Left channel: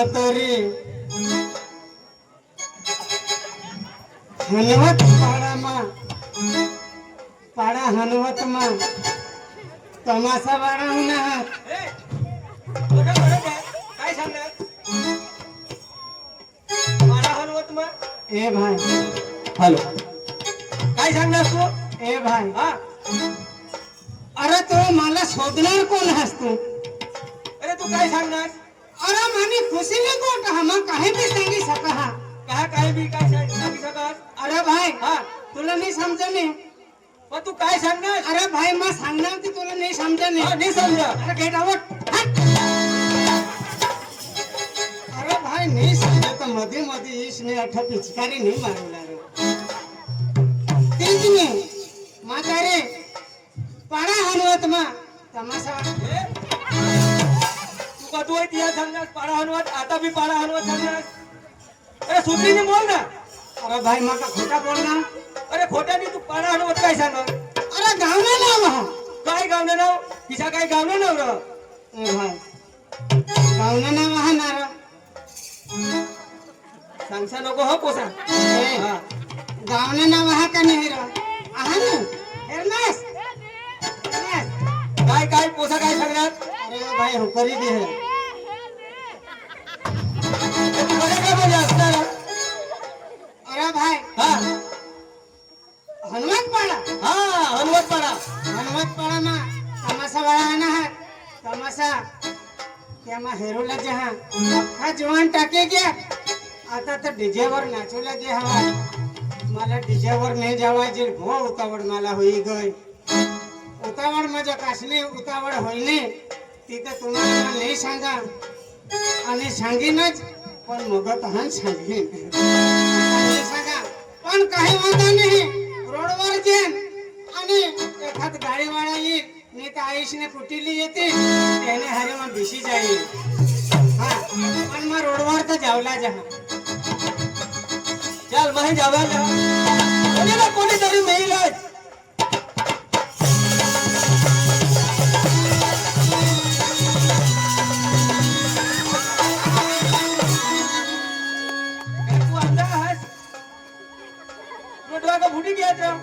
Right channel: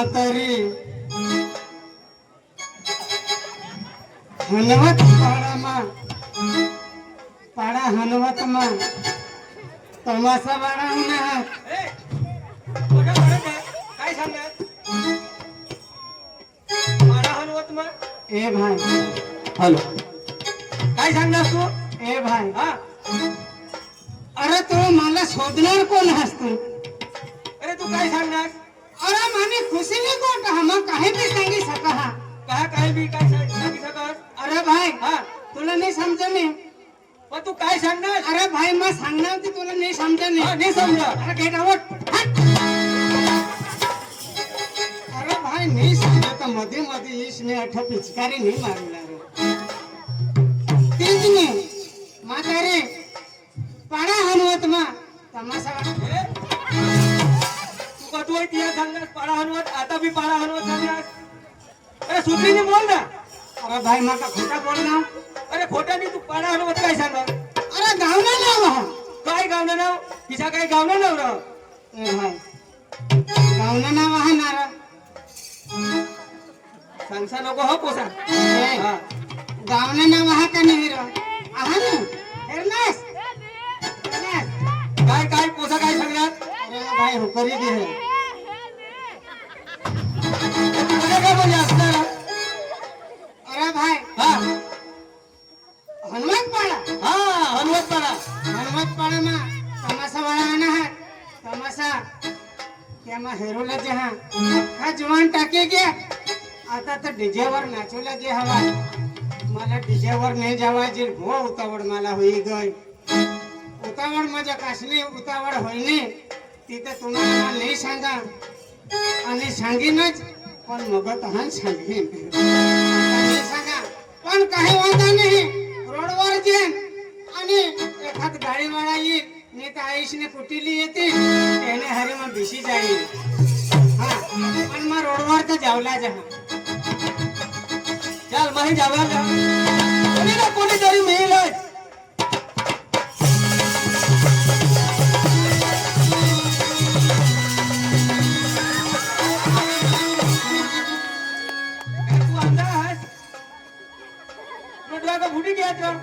म्हातारी हनुमत पाड़ा हनुमत में तमाशा बाड़ा होणार काय सांगणार पाडा हनुमत मग ए भाई हॅलो काय सांगणार तू ए भाई हा अरे तू मला शोधणार कोण आहेस तू अरे तू काय सांगणार अरे माने खुशी ने कोण हम काही भी सांगी सका हा काय बी काय सांगू शकत अरे भाई हा तुला नाही समजणे पण तू काय सांगणार अरे भाई मैं सांगणार की तुला नाही समजणे हा नाही समजा अरे गेट आउट अरे भाई नहीं समझे तो मध्ये मध्ये इसने अठा पिचकारी नहीं मारू लागो तेज में म्हातारे पाड़ा हनुमत मा तमाशा ए, तू का तू इतिहास सांगणार पाडा हनुमत आता बी पाडा हनुमत सांगणार अरे सुधरीने बोल ना अरे भाई माका खोटा बोलना अरे खोट्याने तू पाडा हनुमत काय सांगणार अरे गावना नाव हा काय गावनं नाव तिचा काय गावनं नाव राव ए भाई गावना नाव हा नारा सांगसा नको हो पोसा हा गावना नाव हा का नाही रा आहा ना हेरनास काय काय पोसा काय सांगणार अरे भाई हुकरी दे है तुला काय बोलले असणार अरे भाई हा हनुमान पाड़ा हा हनुमत पाडा हनुमत पाड़ा में तमाशा बड़ा आना है तमाशा क्या मैं हेरोला जहाँ हा जवान टाके गया आता तर डीजे वर नाचवला जे हवा मला डीजे वर नाही जावायचे भो उतावड मला होई गई उतावड माझ्या काशनी उतावड होईने तिथे तुम्हाला नाही सांगा आणि सांगीनच पण मग तहन सांगीन नाही सांगा पण काही वांधा नाही रोडवर जेन आणि एखाद गाडीवाला येईल नाही तर आयुषने कुटीली येते त्याने हरे मग दिशी जाईल हा पण मग रोडवर तर जावला जहा चल माही जाऊया कोणी ना कोणीतरी मिळेल तू अंधा आहेस तुला का फुटी घ्यायचं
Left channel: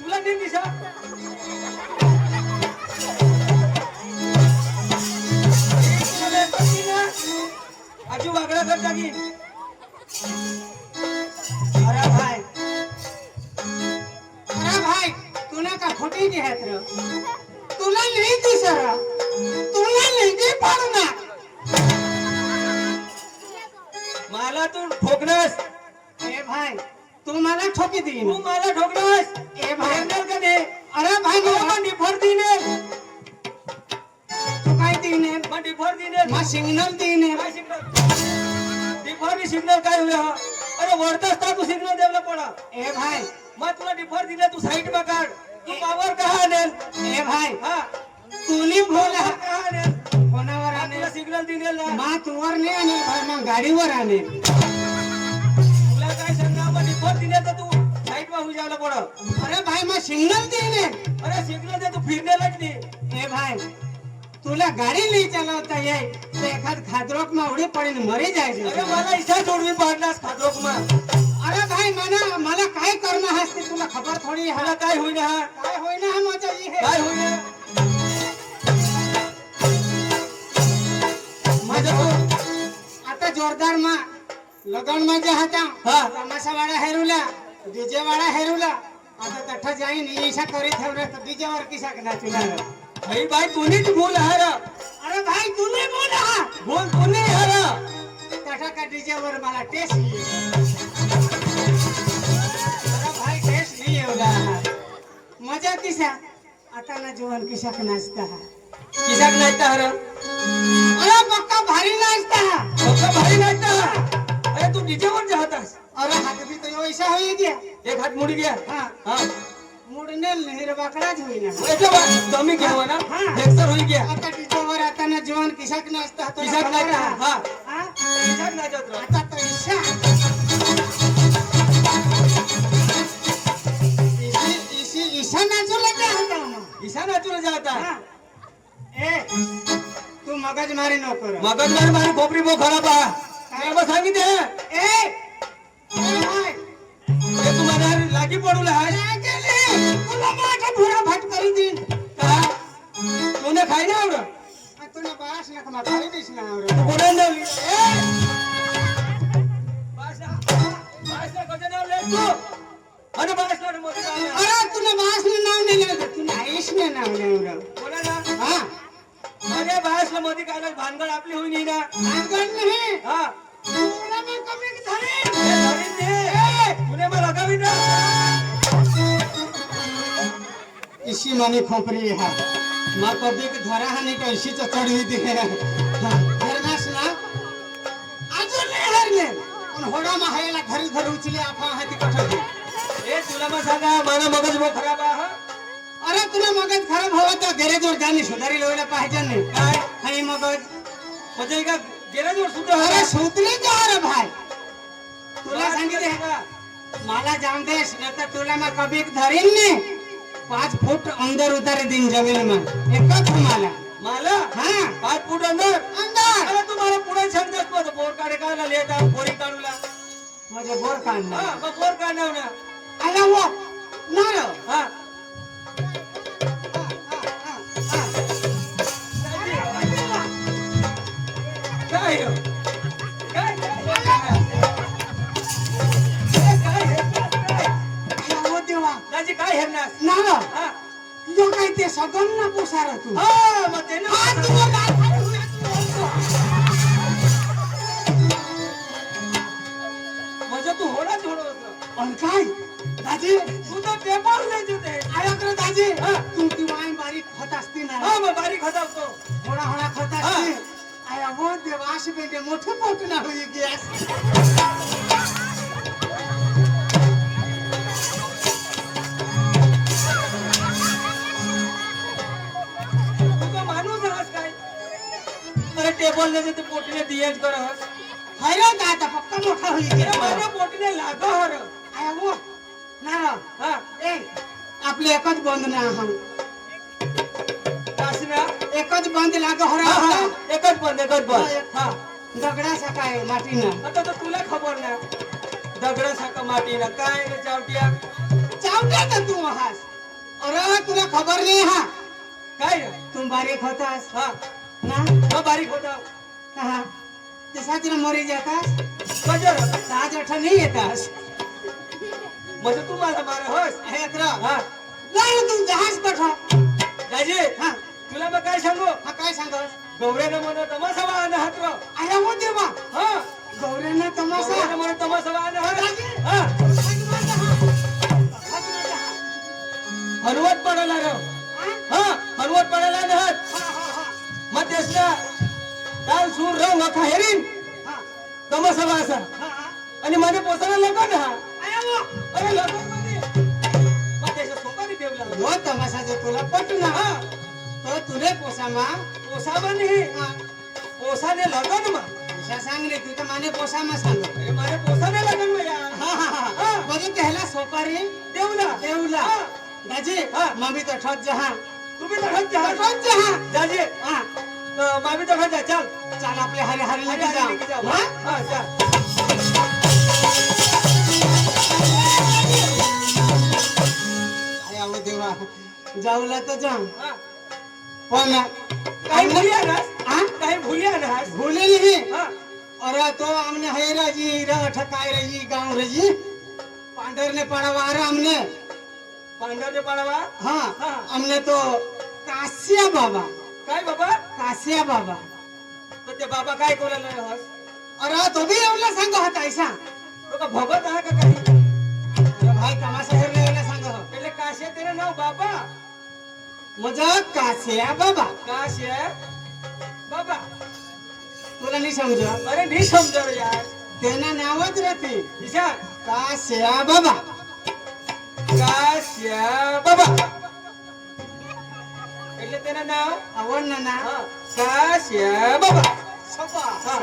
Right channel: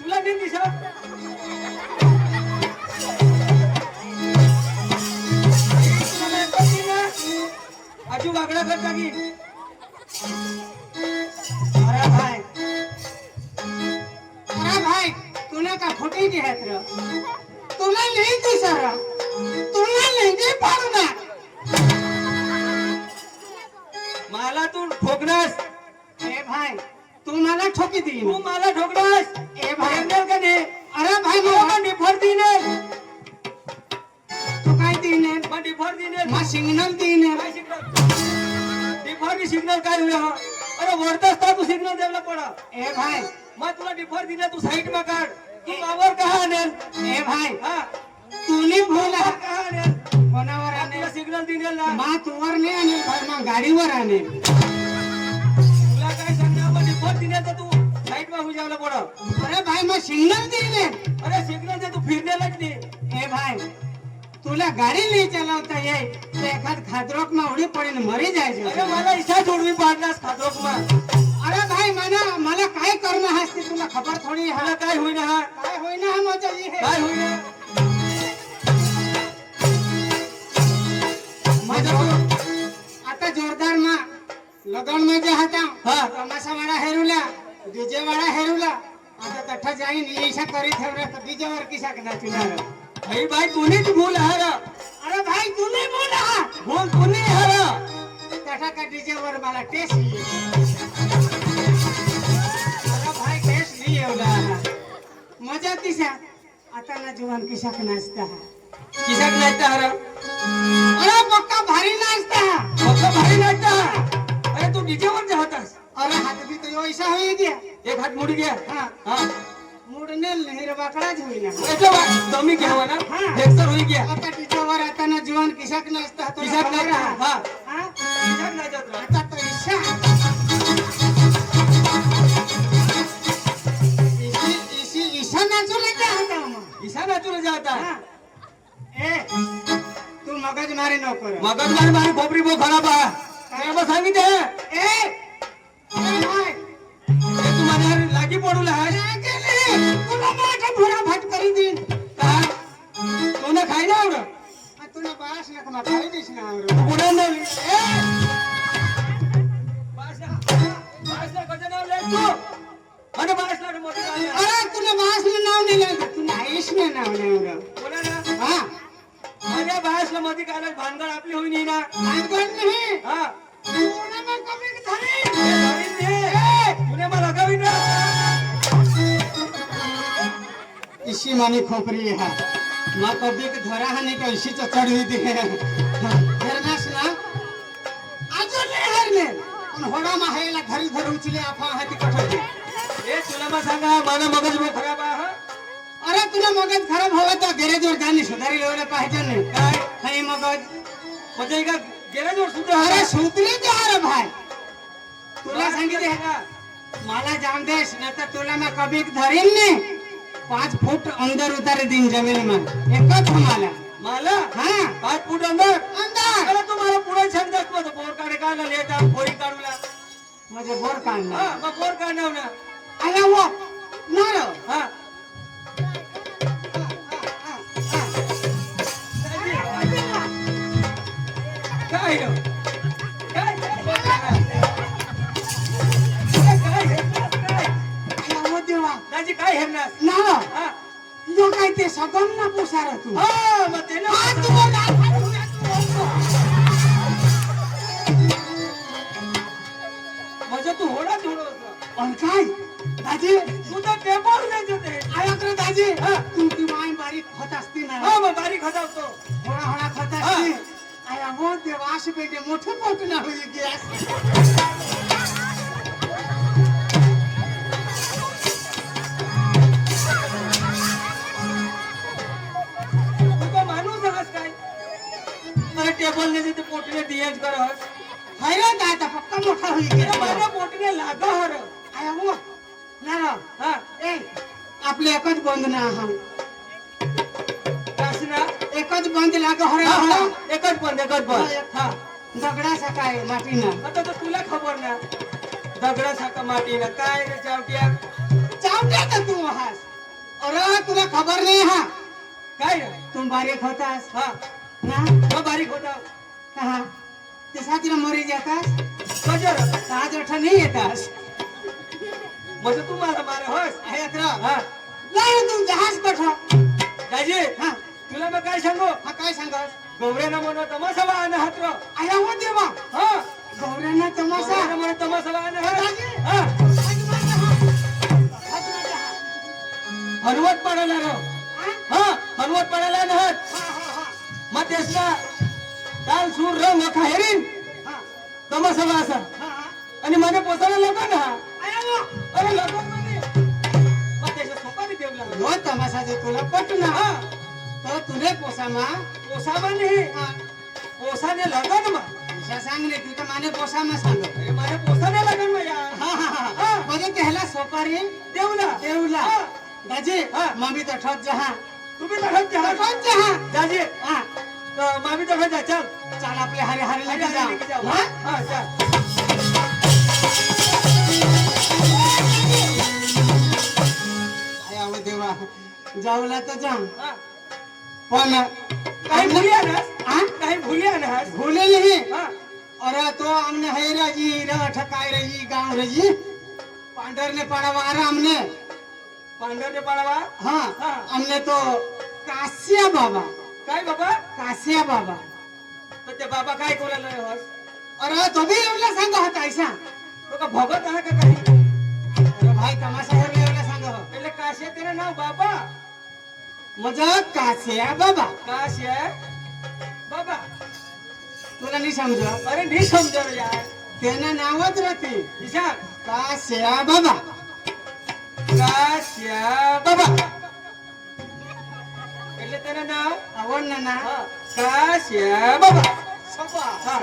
तुला नाही दिसा आजू वागडा करता की अरे भाई तूने का खोटी की है तेरा तुला नहीं दिसरा तुला नहीं दे पाडना मला तू ठोकणास ए भाई तू मला ठोकी दी तू मला ठोकणास ए भाई ठोकणार का नाही अरे भाई तू मला निफर दिने तू काय दीने मग निफर दिने मा सिग्नल दीने काय सिग्नल निफर सिग्नल काय हुआ अरे वरता असता तू सिग्नल द्यायला पडा ए भाई मग तुला निफर दिले तू साईड में काढ तू मावर कहा आणेल ए भाई हा तूने बोला कहा आणेल कोणावर तुला आने सिग्नल दिले ना मा तुवर नाही आणि भाई मा गाडीवर आने तुला काय सांगणार मग निफर दिले तर तू साईड में होई जायला पडा अरे भाई मा सिग्नल दीने अरे सिग्नल दे तू फिरनेलाच नाही ए भाई तुला गाडी नाही चालवता येईल तर एखाद खादरोक में उडी पडेल मरी जायचे अरे मला इच्छा सोडवी पाडलास खातोक मग अरे भाई मला काय करणं हास ते तुला खबर थोडी हा मला काय होईना हा काय होईना हा माझा हे काय होईना माझा तो आता जोरदार मा लगन में जे होता हा. तमाशा वाला हेरुला डीजे वाला हेरुला आता तठा जाईन ईशा करी ठेवरे तो डीजे वर किसा कदा चुना अरे भाई तूने तू बोल हारा अरे भाई तूने बोला बोल तूने हारा तठा का डीजे वर मला टेस्ट अरे भाई टेस्ट नहीं होगा मजा किसा आता ना जवान किसा नाचता है किसाक नाचता हारा अरे पक्का भारी नाचता है फक्त भाई नाचता अरे तू डीजे वर जातास अरे हाथ भी तो ऐसा हो ही गया एक हात मुडी घ्या हाँ हा मुड़ने लहर बाकड़ा हुई ना एटो बा जमी घेऊ ना हा. हेक्टर होई घ्या आता टीचर आता ना जीवन किसाक नाचता तो किसाक नाचता हा हाँ? किसाक नाचत राह आता तो ईशा ईशा नाचू लगे होता हम ईशा नाचून जाता हाँ. ए तू मगज मारी नको करू. मगजमारी मारी खोपरी बो खराब आहे काय मग सांगितले ए भाई, हे तुम्हाला लागी पडू आहे काय केले? तुला माझ्या धुरा भाट करी देईन. का तुला खाई ना आवड तुला बास नका मग खाली दिस ना आवडं. बोलून लावली बासला कसं नाव लेख तू आणि बासला मध्ये काय अरे तुला बास नाव नाही लागत, तुला आयुष नाव नाही एवढं. बोला ना हा अरे बासला मध्ये काय भानगड आपली होई ना भानगड नाही. हा तुला मग कमी झाले. तुने मला लगावी ना इसी मानी खोपरी हा मग कधी धरा हानी पैशी चढवी दे. हेरनास ना अजून नाही हरले पण होडा माहायला घरी घरी उचले आपा हाती कठोर. हे तुला मग सांगा माझा मगज बो खराब आहे अरे तुला मगज खराब हवा तर गॅरेजवर जाणे सुधारी लावला पाहिजे नाही काय काही मगज. म्हणजे का गेल्यावर सुद्धा अरे सुतले ते अरे भाई तुला सांगितले सांगा मला जाऊन देस ना तर तुला मग कभी धरीन नाही. 5 फूट अंदर उतारे दिन जमीन में एकच मला. मला हा 5 फूट अंदर अंदर अरे तुम्हाला पुढे छंदच मग बोर काढे काय ले का बोरी काढूला माझे बोर काढला. हा मग बोर काढणार ना आला वो नारो. हा काय रे? काय आला वो देवा दाजी काय हेरणार नारो हा जो काय ते सगम ना पुसार तू. हा मग ते ना आज तुला लाल खाली हुआ तू. म्हणजे तू होणार थोडं होतं पण काय दाजी तुझं पेपर नाही होते आयोकडे दाजी तू ती वाई बारीक होत असती ना हा मग बारीक हजावतो थोडा थोडा होत असती. आया वो देवा अशी बेटे मोठे पोट ना होई गॅस. तुझा माणूस आहात काय अरे टेबल ने ते पोटीने डिएज कर अरे दादा पक्का मोठा होई गॅस. माझ्या पोटीने लाग हर आया वो नारो हा ए आपले एकच बंद ना हा कासना एकच बंद लाग हरा हा हरा. हा एकच बंद हा दगडा सकाळी मातीनं आता तर तुला खबर ना दगडा साका मातीला काय रे चावट्या चावट्या का तू हास. अरे तुला खबर नाही हा काय रे तू बारीक होतास हा ना मग बारीक होता कहा ते सातीला मरी जातास कजर 7-8 नाही येतास. म्हणजे तू मला मारे होस हे अत्र हा नाही तू जहाज पठा. दाजी हा तुला मग काय सांगू हा काय सांगस. गोवऱ्यानं म्हणत तमाशा वाहन हात्र आया वो देवा हा गौऱ्यांना तमाशा. गोवऱ्यानं म्हणत तमाशा वाहन दाजी, हा आज माझा हा. हलवत पडायला रो हा? हा हलवत पडायला ना हा, हा, मग तेच ना काल सूर रंग खायरीन हा. तमाशा वासा हा, हा. आणि माझे पोसाला लगन हा आया वो अरे लगन मध्ये मग त्याच्या सोपानी ठेवला नो तमाशा जे तुला पटना हा तो तुले पोसामा. पोसा म्हणजे हा. पोसाने लगन मा तुझा सांग रे तू तर माने पोसामा सांग. अरे माझ्या पोसाने लगन मा यार हा हा हा हा. म्हणजे त्याला सोपारी देवला देवला. हा. दाजी हा. मम्मी तर ठत जहा तुम्ही तर हट घ्या ठत जहा. दाजी हा मामी तर हट चल चाल आपले हरे हरे अरे लेके अरे जाऊ. जाऊ हा? हा चल आया वो देवा जाऊला तर जाऊ हा पण काही भूली आहे ना हा काही भूली आहे ना भूले नहीं. हा अरे तो हमने हैरा जी ठकाई रही गांव रही पांडर ने पड़ावा अरे हमने पांढऱ्याचे पाडावा हाँ हाँ. हमने तो कासिया बाबा काय बाबा कासिया बाबा. तर ते बाबा काय कोणाला हस अरे तो भी एवढा सांग होता ऐसा. तो का भगत आहे का काही अरे भाई तमाशा हेरले एवढा सांग हो. એટલે કાશે તેનું નામ બાબા मजा कासिया बाबा. કાશે બાબા तुला नहीं समझो अरे नहीं समझो यार तेना नावच रहती ईशा कासिया बाबा. કાશ્ય બાબા એટલે તેનું નામ आवडलं ना હા કાશ્ય બાબા सोपा. હા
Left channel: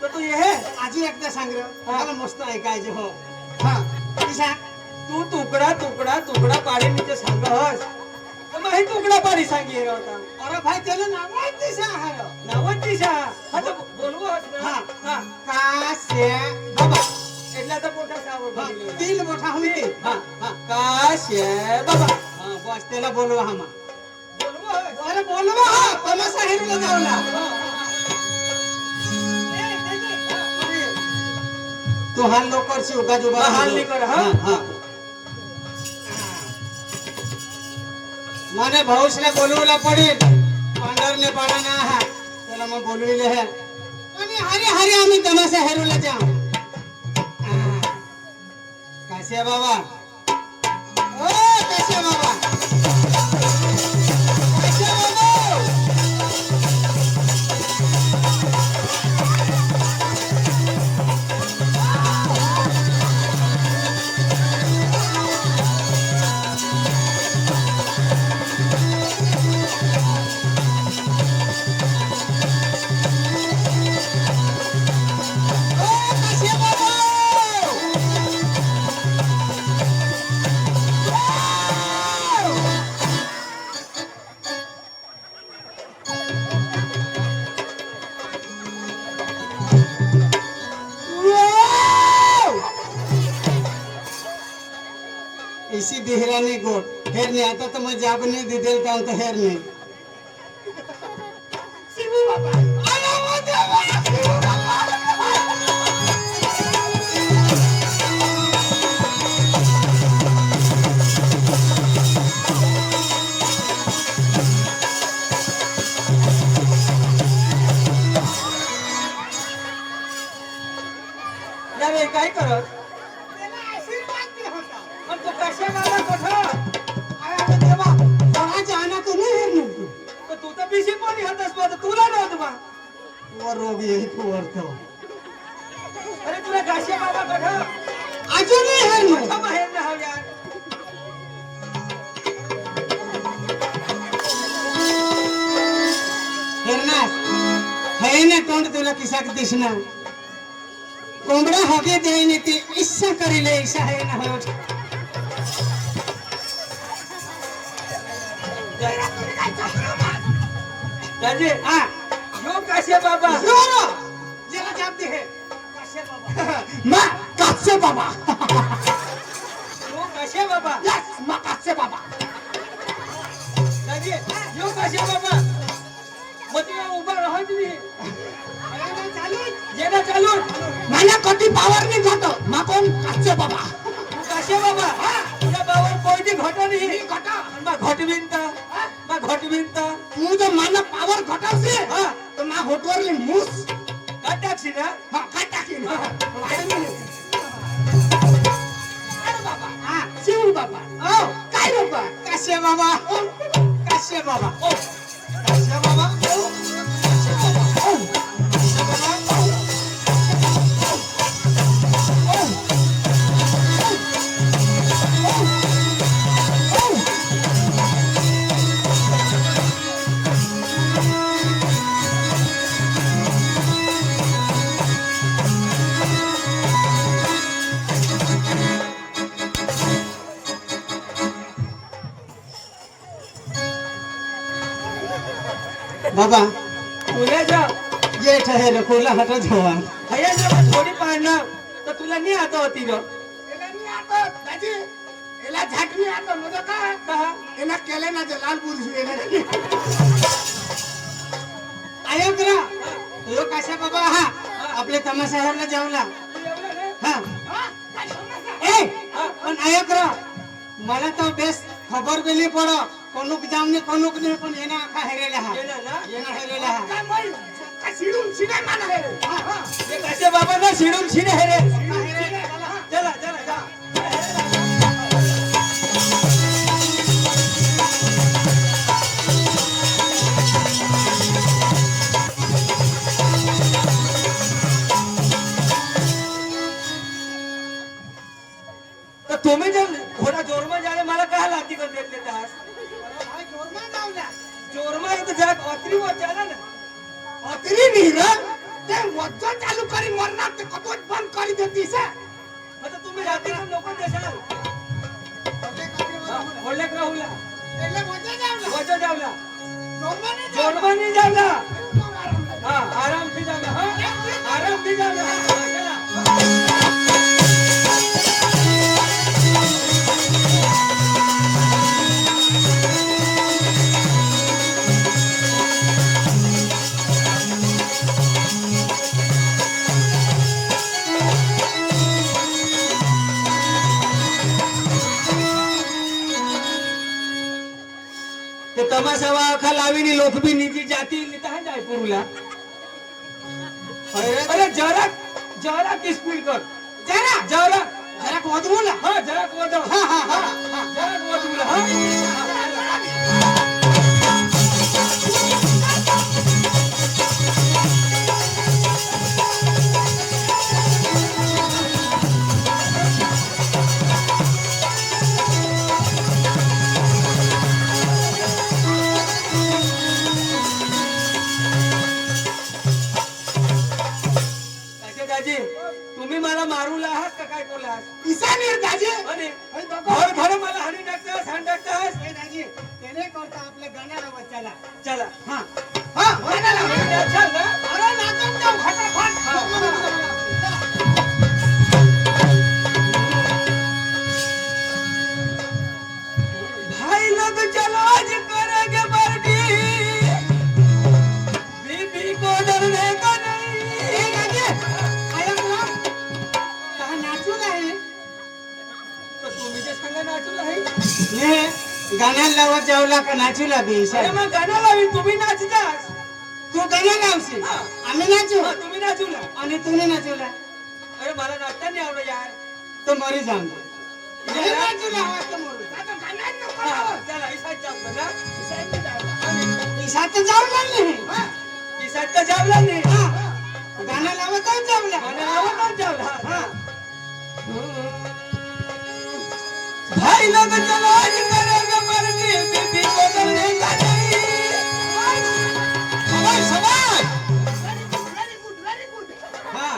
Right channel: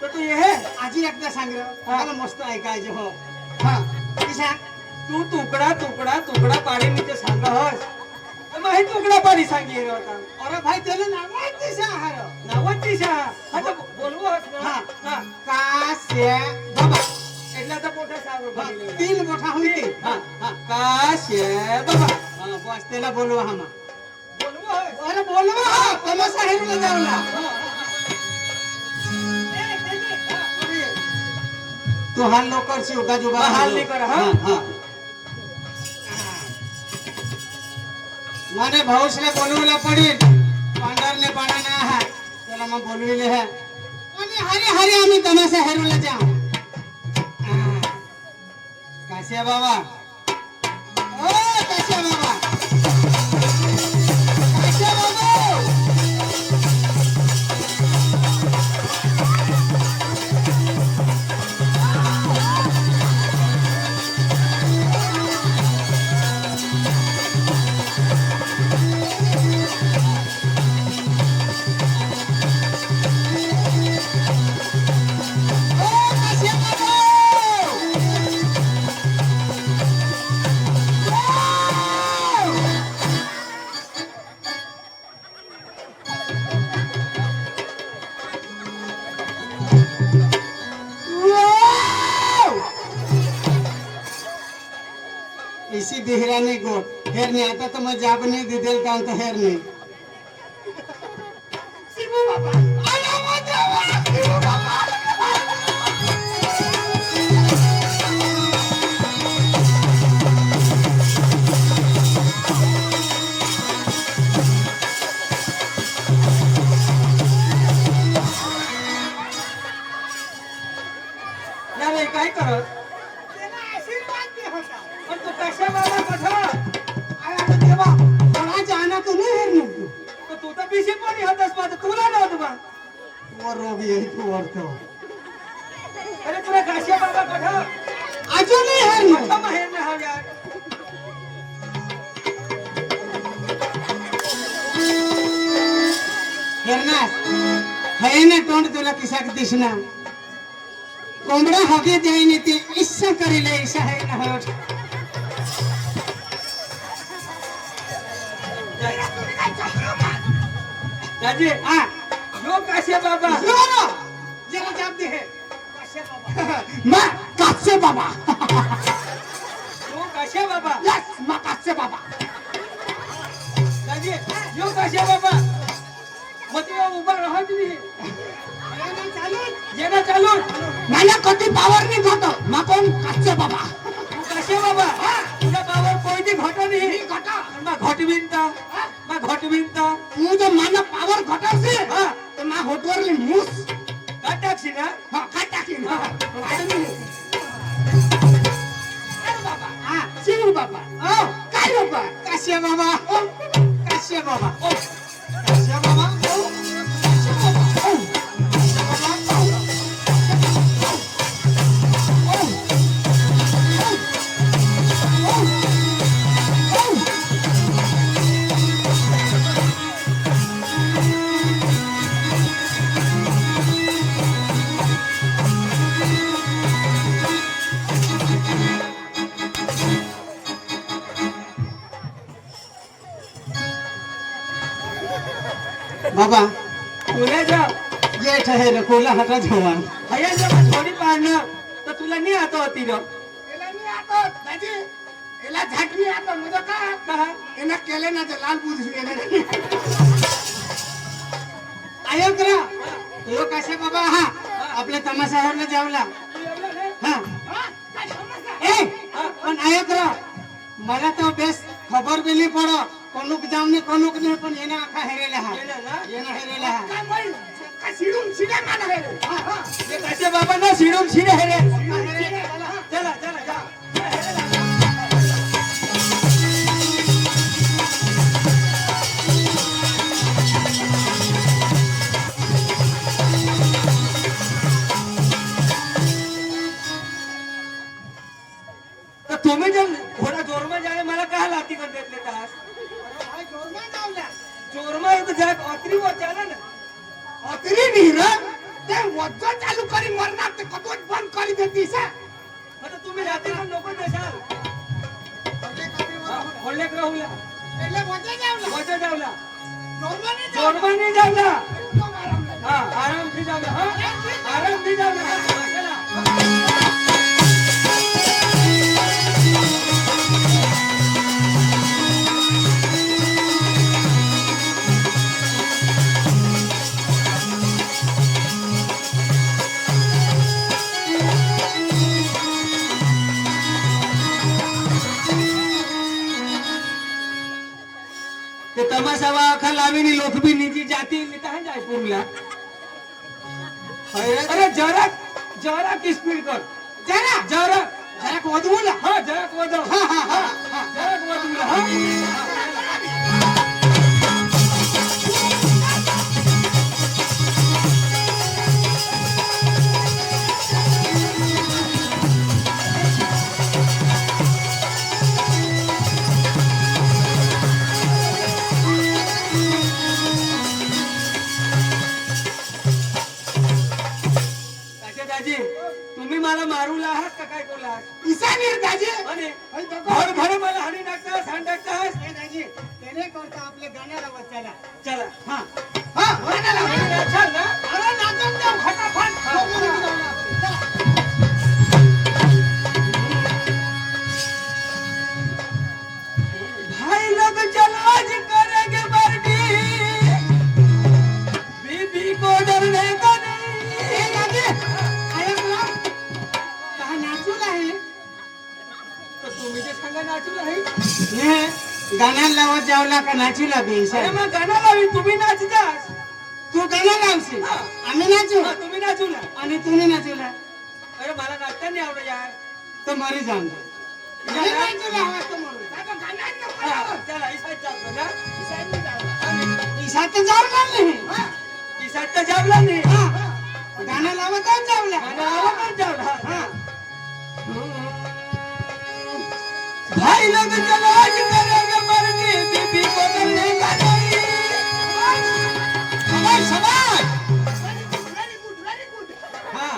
તો તું ये है आजी एकदा सांग रे. हा. मला मस्त ऐकायचं हो. हा किसा तू तुकडा तुकडा तुकडा पाडी नीचे सांग हस तर मग हे तुकडा पाडी सांगी होता अरे भाई त्याला नावच दिसा हार नावच दिशा आता बोलवू हा. हा काश्य बाबा એટલા તો મોટા સાવર ભરી લેવા. तीन मोठा होती हा. काश्य बाबा हा बस त्याला बोलवा हामा બોલવું હવે अरे बोलवा हा तमाशा हेरू जावला तू हाल लवकर शिवका जुबा हा, हाल नाही कर, हा. हा माने भाऊसले बोलवला पडेल पांढरने पाडाना हा त्याला मग बोलविले है आणि हरी हरी आम्ही तमाशा हेरूला जाऊ काश्या बाबा ओ काश्या बाबा काश्या बाबा इसी देहराने गोट हेर नहीं आता तो मैं जाब नहीं दे देता हूँ तो हेर नहीं शिबू बाबा अरे वो देवा शिबू बाबा અરે काय करत तेरा आशीर्वाद भी होता पण तो कशा बाबा कथा अरे देवा बड़ा जाना तो नहीं हेर नहीं तो तू तर बिशी कोणी हातस माझं तुला नव्हतं बा वो रोग यही तो वर्तो अरे तुला काश्या बाबा कथा आजो नहीं हेर कथा नहीं बाहेर नाही हा यार हेरना है ना तोंड तुला किसा दिसना कोंबडा हगे द्यायने ती इच्छा करीले इच्छा है ना हो राजे हा यो काश्या बाबा जोरो जरा जाते है काश्या बाबा मैं काश्य बाबा यो काश्या बाबा यस मैं काश्य बाबा राजे यो काश्या बाबा मती उभा राहत नाही अरे चालू येणं चालू मला कधी पावर नाही जातो मा कोण काश्य बाबा तू काश्या बाबा तुझ्या बाबावर कोणती घट नाही घटा मा घटविंता मा घटविंता तू जर मला पावर घटावसे हा तर मा होटवरली मूस का टाकशी ना हा काय टाकीन हा अरे बाबा हा शिव बाबा ओ काय बाबा काश्य बाबा ओ काश्य बाबा ओ काश्य बाबा ओ काश्य बाबा ओ काश्य बाबा ओ बाबा तुला जा ये ठहेर कोला हटा धोवा हया जरा थोडी पाळणं तर तुला नाही आता होती ग एला नहीं आता दादी एला झाट नहीं आता मुझे का एना केले ना ते लाल पुरुष गेले आयो करा यो काशा बाबा हा आपले तमाशा हेरला जावला एवढं नाही हा ए पण आयो करा मला तो बेस खबर भी नहीं पड़ो कोनुक जामने कोनुक नहीं पण येना आखा हेरेला हा येणं ना येना हेरेला हा काय बोल का शिडून शिडे माना हे रे हा हा हे काश्या बाबा ना शिडून शिडे हे रे चला चला जा तर तुम्ही जर थोडा जोरमा जाणे मला काय लागती कर घेतले तास भाई जोर में जावला जोरमा एक जात अत्री वर जाना ना अतरी नहीं रे ते वज्ज चालू करी मरना ते कतोच बंद करी देती से आता तुम्ही जाती ना लोक देसाल म्हणजे बोलले का राहुला એટલે વચ્ચે જાવલા વચ્ચે જાવલા જોરમાંની જોરમાં નહીં જાવલા જાવલા હા આરામથી જાવલા હા આરામથી જાવલા હા ચલા ते तमाशावा आखा लावीनी लोखबी निजी जाती कहाँ जाए पुरुला अरे जरा जरा की स्पीड कर જરા जरा જરા કોદવું ના हाँ जरा वदो હા હા હા जरा वदो हाँ दाजी तुम्ही मला मारूला आहात का काय बोला ઈશાની દાજી आणि અહીં બકો घर घर मला हाडी नाकतास हाड नाकतास એ દાજી તેને કરતા આપણે ગાનારા વચ્ચાલા चला હા હા ગાનારા चल ना અરે નાચન જાવ ફટાફટ જોરમાંની જાવલા भाई लोग चलो आज करेंगे पार्टी बीबी को डरने का नहीं એ દાજી આયા બોલા કા નાચુલા હે तो तुम्ही जे सांगा नाचू नाही ને ગાના લાવવા જાવલા કા નાચુલા બી अरे ઈશા मग गाणं लावी तुम्ही नाचतास તું ગાના લાવશે હા. અમે નાચું हा, तुम्ही नाचू ना અને તું નહીં નાચુલા अरे मला नाचता नाही आवडत यार તો મરી જામ મને નાચુલા આવે તો મરું આ તો ગાના જ हा, चला इसाच चालतो ना आणि ઈશા તો જાવલા નહીં હા इसाच तर जावला नाही હા ગાના લાવવા તો જાવલા गाणं लावा तर जावला હા भाई लोग चलो आज करेंगे पार्टी बीबी को डरने का नहीं સવાય સવાય વેરી ગુડ હા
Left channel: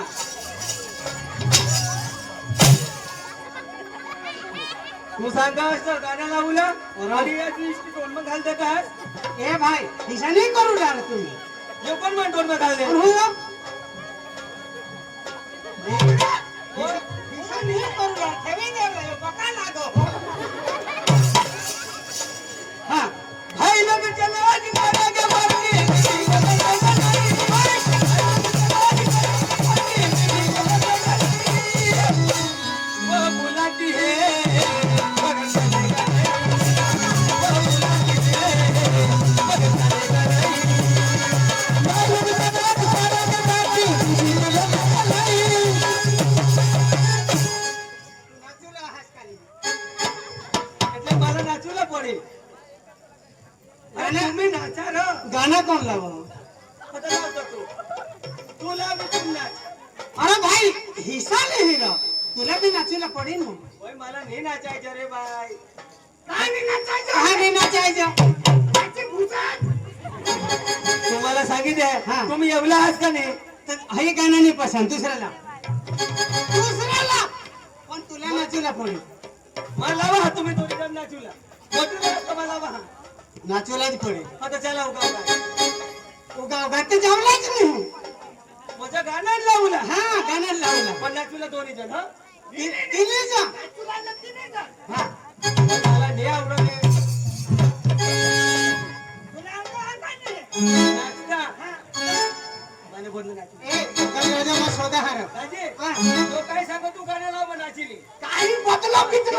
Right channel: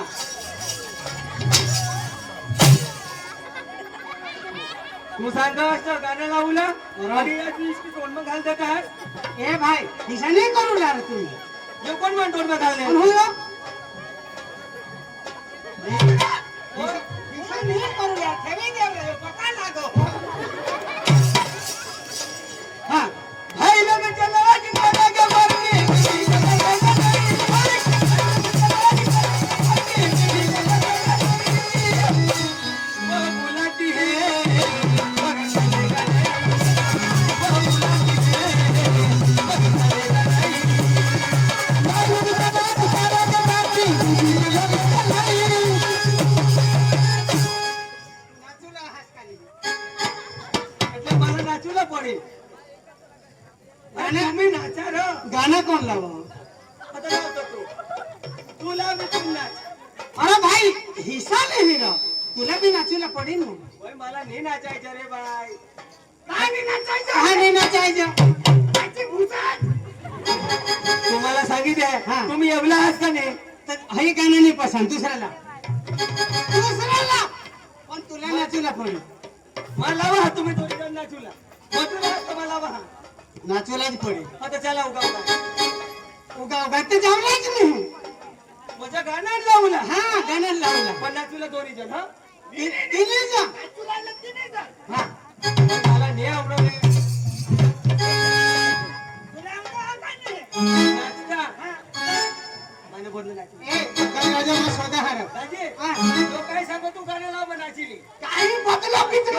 तू सांगास तर गाणं लावलं आणि या दिवशी तोंड घालते काय એ ભાઈ ઈશા નહીં કરું લારે તું हे कोण म्हणतो तोंड घालले હું ઈશા નહીં કરું લારે કેવી દેવ રે પકા લાગો हा भाई लोग चलो आज करेंगे पार्टी बीबी को डरने का नहीं वो बुलाती है નાચુલા હાસ કાલી એટલે મારે નાચુલા પડે અને तुम्ही नाचा र ગાના કોણ લાવો आता लावतो तू लाव मी तू नाच અરે ભાઈ હિસ્સા નહીં રા तुला बी नाचूला पडेल ना ओय मला नाही नाचायचं रे बाय काय नाही नाचायचं हा नाही नाचायचं नाची भूसात तुम्हाला सांगितलं हा. तुम्ही एवढा आहात का नाही तर हे गाणं नाही पसंत दुसऱ्याला दुसऱ्याला पण तुला नाचूला पडेल मला लावा हा तुम्ही दोन्ही जण नाचूला मधून मला लावा हा नाचूलाच पडेल आता चला उगा उगा उगा उगा तर जावलाच नाही माझ्या गाणं लावला हा गाणं लावला पण नाचूला दोन्ही जण हा तिने जा हा मला नाही आवडत रे. नाचता मला बोलणं नाचली ए दरवाजाला शोधा हार राजे हा. तो काय सांगतो तू गाणं लाव मग नाचली काही बदला किती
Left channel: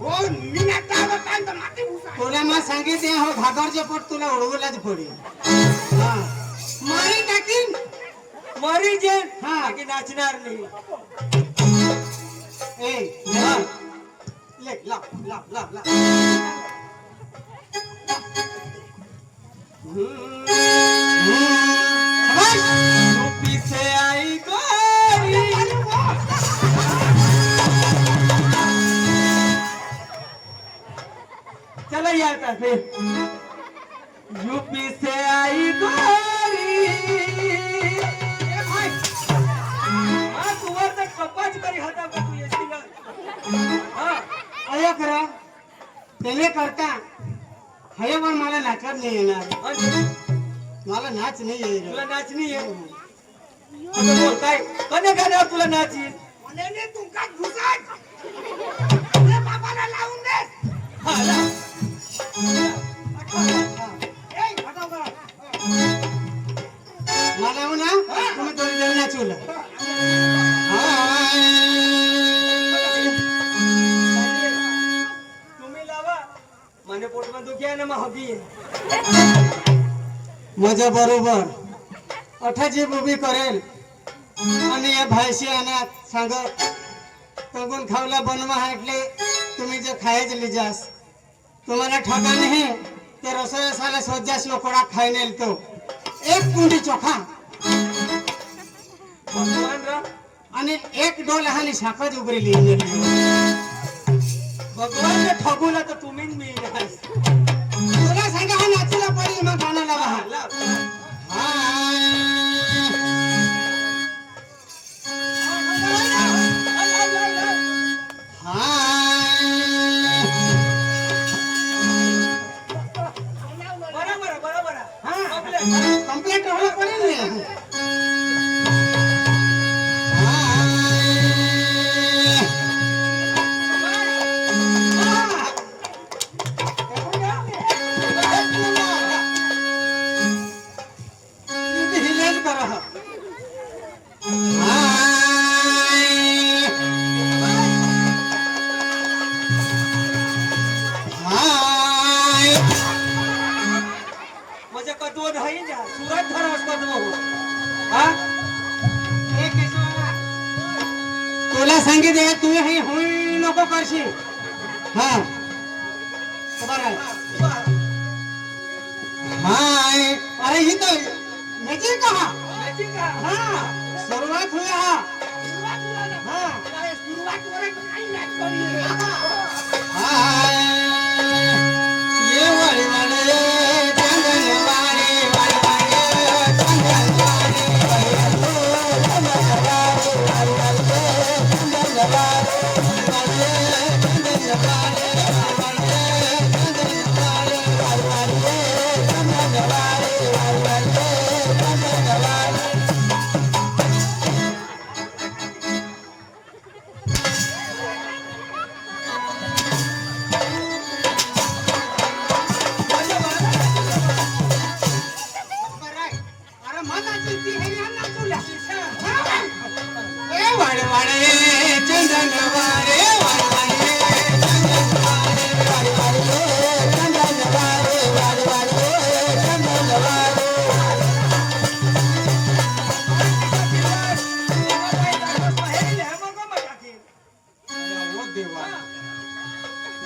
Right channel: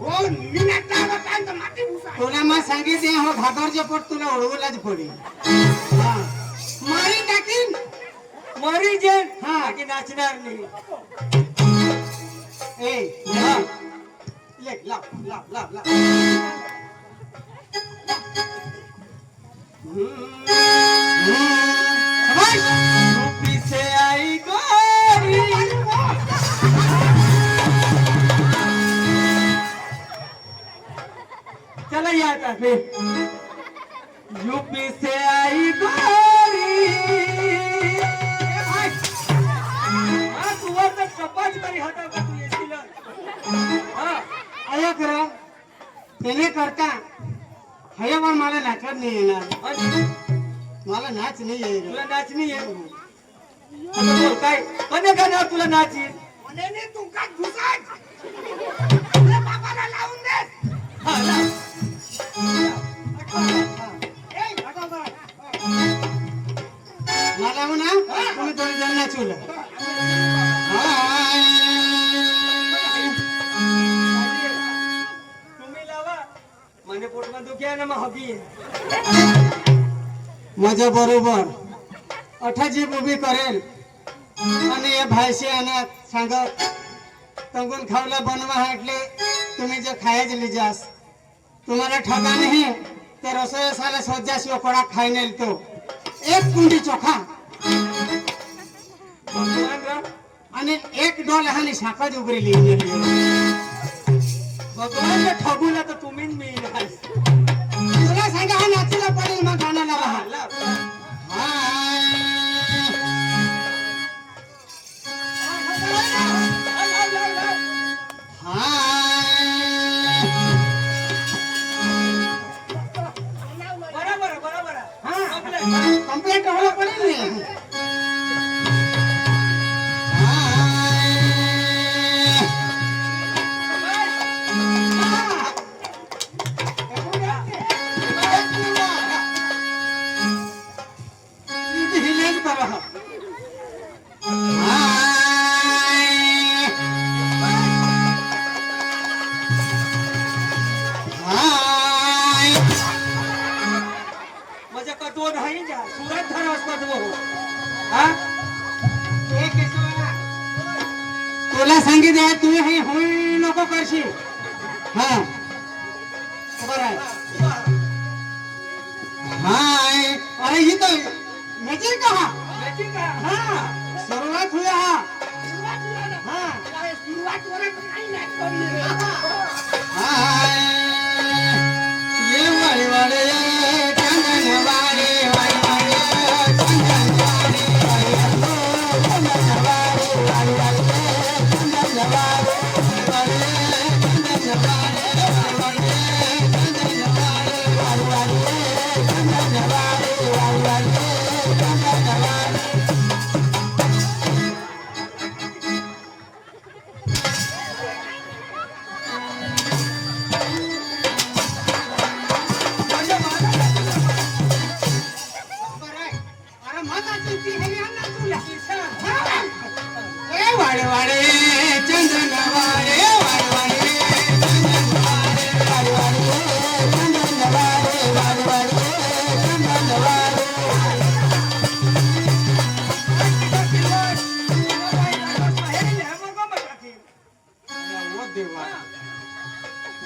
हो मी नाचायला काय तर माती भुसा तुला मग सांगितले हो घाबरचे पोट तुला ओळवलाच पडेल हा मारी टाकीन मरी जे हा. की नाचणार नाही ए हा. ले लाव लाव लाव लाव बस यूपी से आई गोरी चला या आता फिर यूपी से आई गोरी हा तू वर तर कपाच तरी हाताव का तू येशील हा आया खरा त्याने करता हे पण मला नाचवत नाही येणार. आणि मला नाच नाही येईल. तुला नाच नाही आहे आता बोल काय कने गाण्यावर तुला नाच येईल आणि तुमका घुसाय तुझ्या बाबाला लावून दे. हा, ला. ए हटाव करा. मला म्हणा तुम्ही दोन जण नाचवलं. तुम्ही लावा माझ्या पोटમાં दुखी आहे ना मग हबी माझ्या बरोबर अठाजी उभी करेल आणि या भायशी अनाथ सांगत तंगून खावला बनवा हाटले तुम्ही जे खायचे लिजास तुम्हाला ठगा नाही तर रसोई साला सोजा शिवकडा खाई नेल तो एक कुंडी चोखा भगवान रा आणि एक डोल हानी शाखाच उघडी लिहिली. भगवान ने ठगूला तर तुम्हीच मी नाही तुला सांगा हा नाचूला पडेल मग गाण्याला राहा. ला. बरोबर बरोबर कंप्लेंट कंप्लेंट व्हायला पडेल. हिलेज करा. माझ्या कदवो नाही जा सुरत धरास कदवो हा तुला सांगितलं तू हे होई नको करशील. हा खबर आहे. हाय अरे ही तर म्हणजे का माहिती का हा सुरुवात हुई हा. हा सुरुवातीवर काही नाच करी. हाय ये वाले वाले चांदन वाले वाले वाले चांदन वाले अरे मत आती ती हे ना तुला. ए वाले वाले चंदन वाले वाले वाले चंदन वाले वाले वाले चंदन वाले वाले वाले चंदन वाले. ओ देवा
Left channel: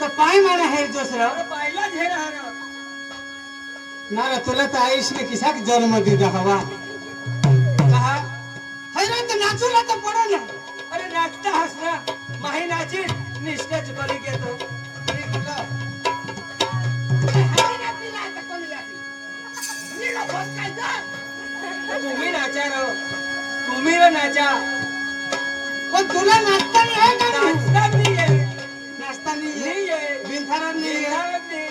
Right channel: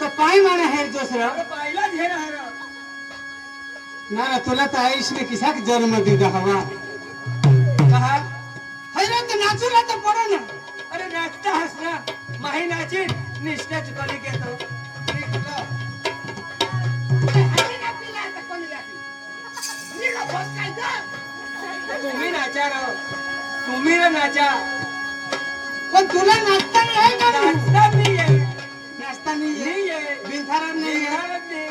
तर पाय माना हे दुसरं पाहिला झे राहणार ना रे, तुला तर आयुष्य किसाक जन्म दिला हवा. कहा हैराण तर नाचूला तर पडे ना. अरे नाचता हस ना माही नाची निष्ठेच बली घेतो मी कुठं हाती ना पिला तर कोणी जाती. नीला फस काय जा. तुम्ही नाचा राव तुम्ही रे नाचा पण तुला नाचता नाही आहे का नाही? नाचता नाहीये नाचता नाही नाहीये बिनथारण नाही निर्धारण नाही.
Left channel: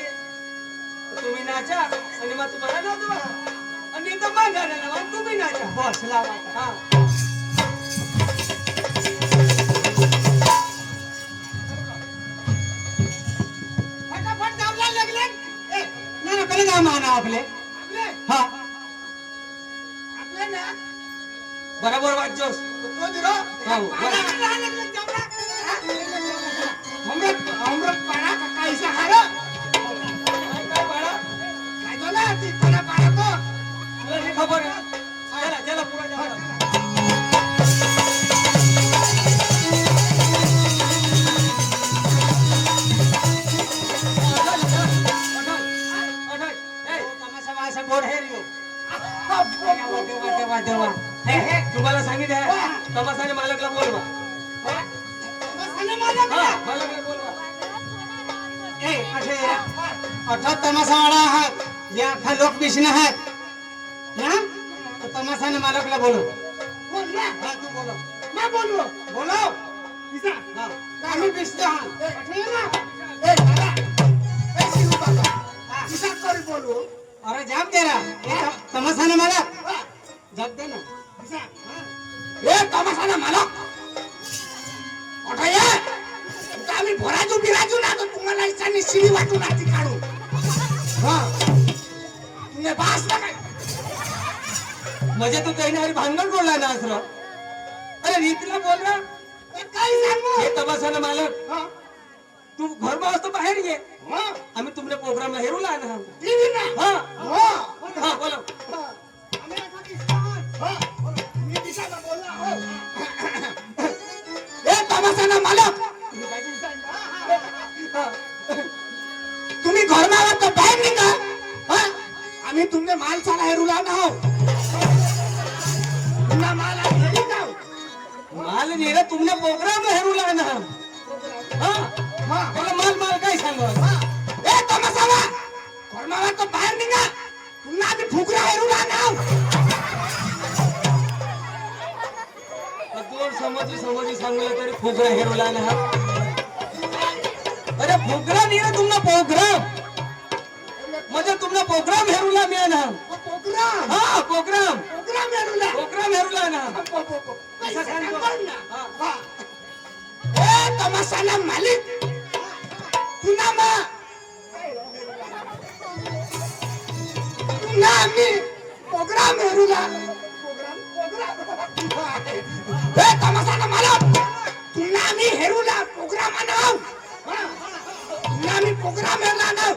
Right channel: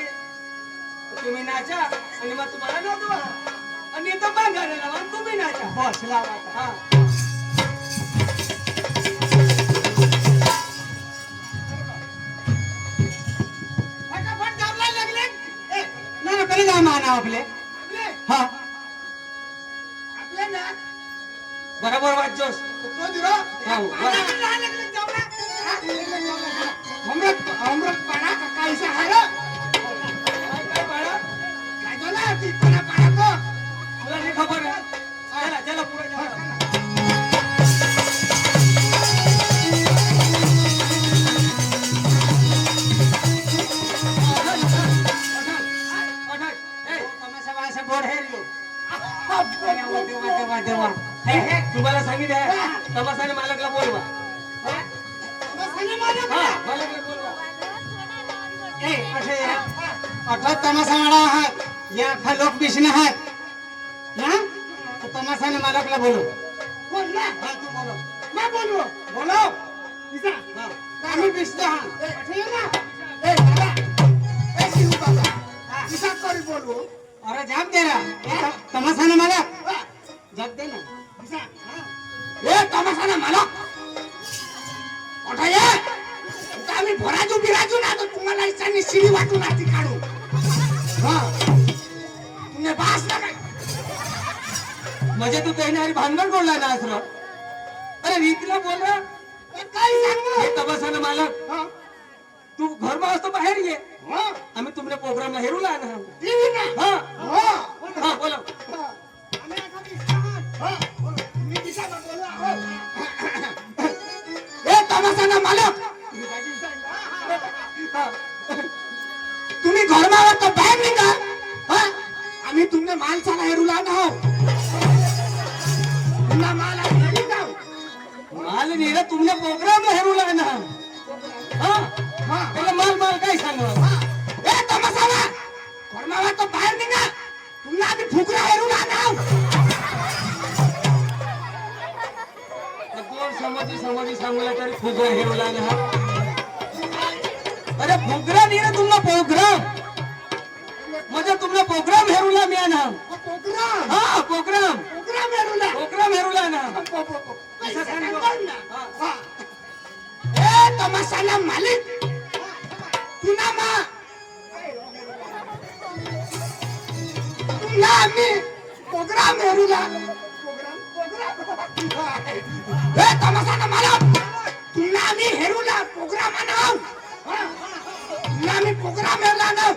तुम्ही नाचा आणि मग तुम्हाला नाचवा आणि तो मागायला लावा आणि तुम्ही नाचा बस लावा आता. हा फटाफट दाबला लागले. ए ना ना पहिले काय माना आपले. आपले हा आपले ना बरोबर वाटजोस तो दिरो. हो, पारा बरं. लागले जमला. अमृत अमृत पाडा का कायसा हारो. काय काय बाळा काय झालं ती पारा पारा तो. तुला हे खबर आहे चला चला पुढे जा तमाशा वासा गोड हे लो. अब्बो. देवा देवा देवा. हे हे तुम्हाला सांगितलं तमाशाने मालकला बोलवा बसाने माझ्या हा घरात. मालकला बोलवा ए असे अठरा तमाशावाला आहात या अख्खा लोक बिशने आहात ना तर तमाशाने मालकला बोलव. बोल ना. हा तू बोलव. मैं बोलू. बोलव. इसा. हा आम्ही बिसतो हा. ए, ठीक है ना. ए बाबा. घुसा कर बोलू अरे जाप दे रा तमाशाना मालक हा, जाप दे ना घुसा हा. ए तमाशाना मालक कुठे ये तुका आम्ही भराजू बिराजू ना तर तुम्हाला इच्छाने शिडी वाटून आती काढू हा तुने बास ना काय म्हणजे तू काही नाही भांगण बोलला ना असं अरे रीतीला बोल ना काय सांगू हे तमाशानं मालक हा तू घर असतो बाहेर ये हा आम्ही तुमच्या प्रोग्रामला हेरूला ना टीव्ही ना हा हा हा बोला हा. आम्ही आता दिसतात. हा, बोला. मी दिसायला बोलला, हो. ए तमाशाना मालक तुम्ही काय दिसायला? हा. तुम्ही घरमावर तर बाहेर निघा हा? आम्ही तुमने माल चाला हेरूला ना हो तुमना माल आम्ही घरी जाऊ माल नेला तुमच्या प्रोग्रामला हेरूला ना हा हा त्याला माल माल काय सांग हा. ए तमाशाला घरमावर तर बाहेर निघा तुमना आम्ही फुकरा हेरूला ना हो. दोन समजी सांगूला तरी फुगरा हेरूला ना अरे फुगरा नाही रे तुमचा प्रोग्राम म्हणजे तुमचा प्रोग्राम हेरूला मी ना प्रोग्राम हा प्रोग्राम प्रोग्राम हेरूला प्रोग्राम हेरूला ना पैसा सांगा ना. हा. ए तमाशाला मालिक पुन्हा मा पुन्हा आम्ही प्रोग्राम हेरूला ए तमाशाला मालक पुन्हा आम्ही हेरूला प्रोग्राम आणाव पुन्हा आम्ही प्रोग्राम हेरूला आणाव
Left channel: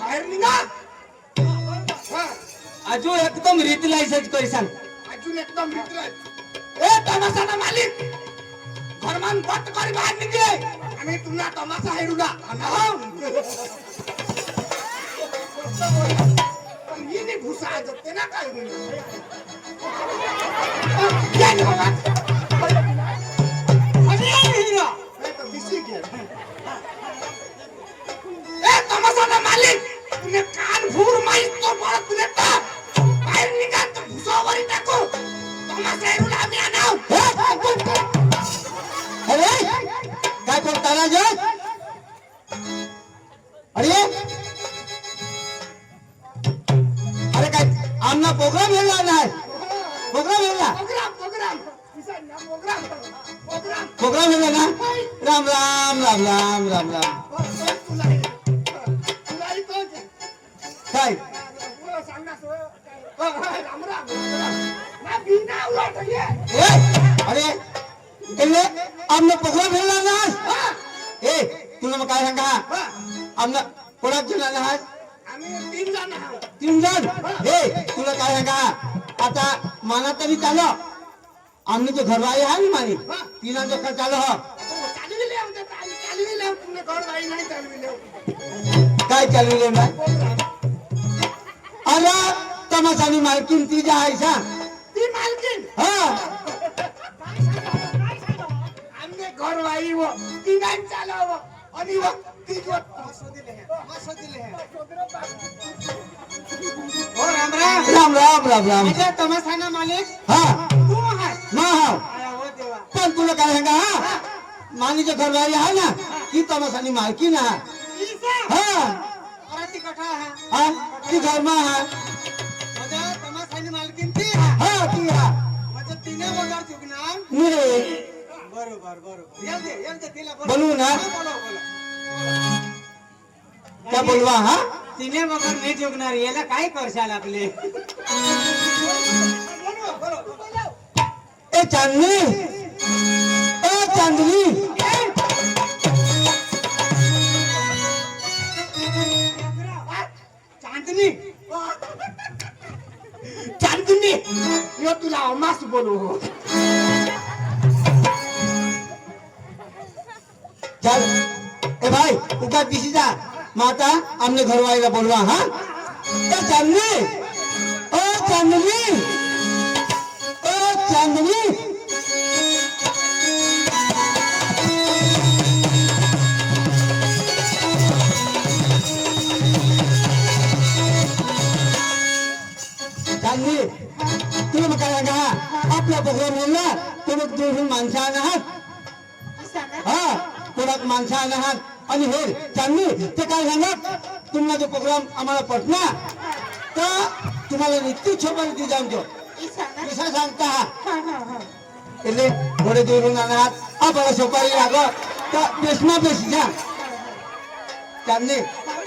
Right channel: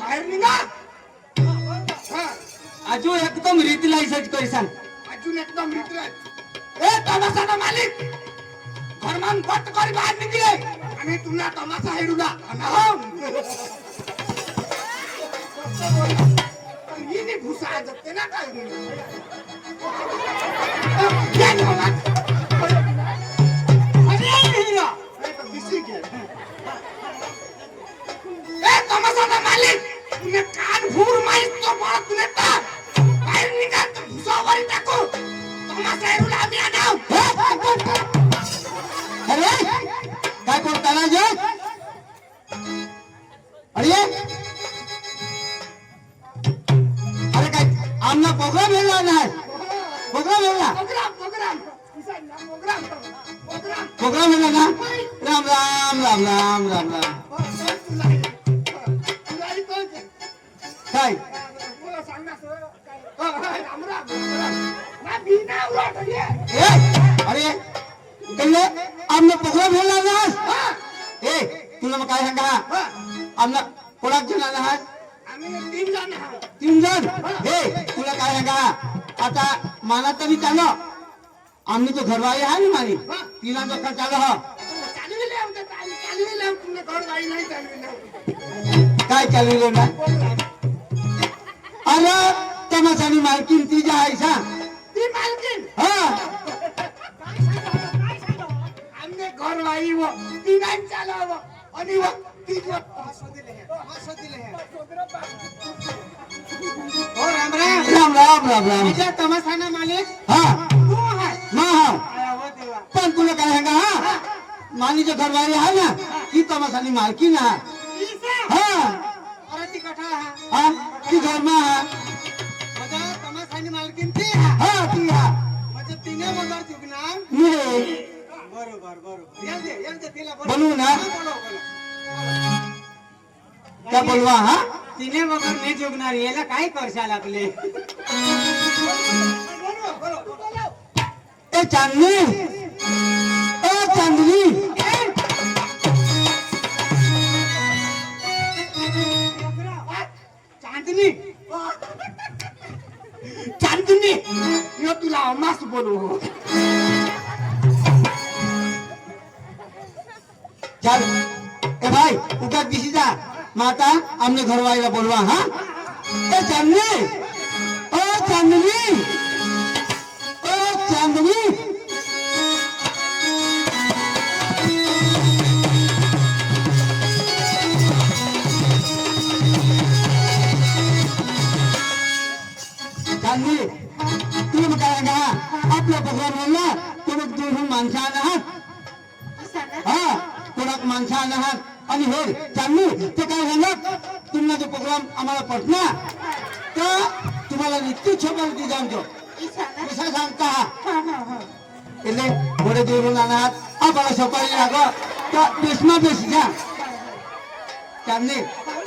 बाहेर निघा हा. अजून एकदम रीतीला इसाच करी सांग अजून एकदम मित्र ए तमाशाला मालिक घरमान बट कर बाहेर निघले आम्ही तुला तमाशा हेरूला आणाव पण हिने घुसा जगते ना काय या घेऊन ए तमाशाला मालिक तुने कान भूर माहित तो बळ तुने टाक बाहेर निघा तर घुसावर टाकू तमाशा हेरूला आम्ही आणाव अरे काय बोलता ना जे अरे अरे काय आमना प्रोग्राम हेला नाही प्रोग्राम हेला programme programme programme programme programme हेला ना राम राम राम राम राम राम काय ए अरे कल्ले आमना प्रोग्राम हेला ना ए तुला मग काय सांगा आमना कोणाक दिला ना तीन जण हे तुला काय सांगा आता माना तरी चालो आमनी जो घरवाई आहे ना मानी तीना जो का चालो हा काय चालू ना अरे तमाशानी मालकीन ती जा आहे सांग हा घर वाई व तिघां चालाव आणि व तिघ ओ राम राम राम राम राम राम म्हणजे तमाशाना मालिक हा तू आहे मा हा आया हो देवा पण तुला काय सांगा हा मानी जो घरवाई आहे ना ती तमाशानी मालकीन आहे ईसा हा अरे ती कठा आहे हा ती घरमा आहे म्हणजे तमाशानी मालकीन ती आहे हा ती हा म्हणजे तिने वगैरे चुकणार मी बरोबर बरोबर येऊ दे तिला बोलव. बनवू ना हा, बोलव, बोलव. क्या बोलवा हा तिने वगैरे नाही चुकणार याला काय करशाल आपले ए चांदनी ए चांदनी चांदनी चांदनी यो तुला अमास बोलू चल ए भाई उधर किसी जा माता हमने घर वाले का बोलवा हाँ ए चांदनी ओ चांदनी ओ चांदनी चांदनी तुला मग काय का आपला प्रोग्राम म्हणला तुम्ही दुरून माणसं आहात हा कोणाक माणसं आहात आणि हे चांगली ते काय सांगा तुम्हाला जो प्रोग्राम आम्हाला पटला तर तुम्हाला निश्चित सोबत जाणतो कसा सांगता એટલે ઘોડે દોરું નાના આ બળા સોપારી લાગો તો દેશમાં બેસી જા ચાંદની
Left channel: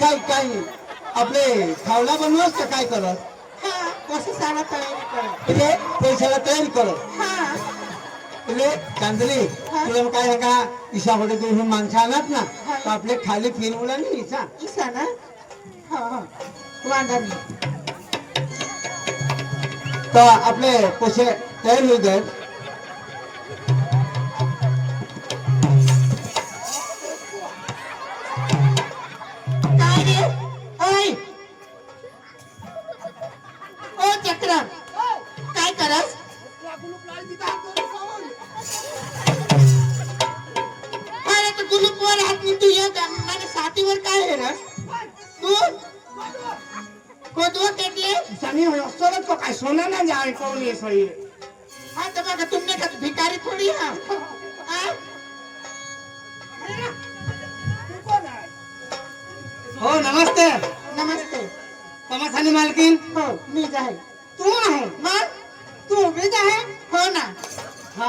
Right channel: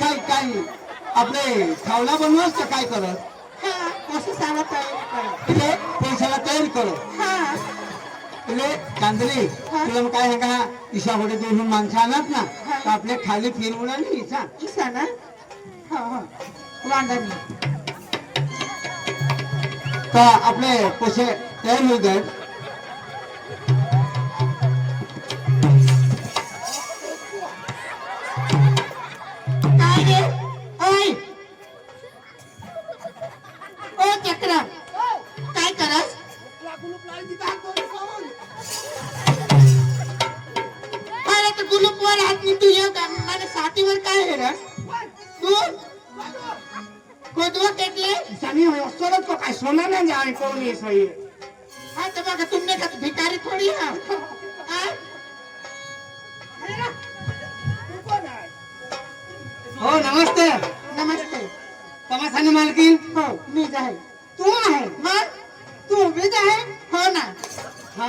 काय काय आपले खावला बनवस तर काय करत कशाला तयारी करत એટલે पैशाला तयारी करत એટલે चांदनी तुला मग काय का ईशा घोडे दोन माणसं आणत ना तर आपले खाली फिरवला नाही ईशा ईसा ना वांदा नाही तर आपले पैसे तयार होऊ जाईल काय गे ओय ओ चक्र काय करस अरे तो गुलूप वर हात मी तू येऊ का मला साथीवर काय हे रस तू कोदवा केटले सनी असतोच तो काय सोना ना जाय कोण आहे सही हाँ तो मगर तुमने का भिखारी थोड़ी है हाँ? हो नमस्ते नमस्ते तमासानी मालकीन हो मी जाहे तू आहे मग तू उभीच आहे हो ना हा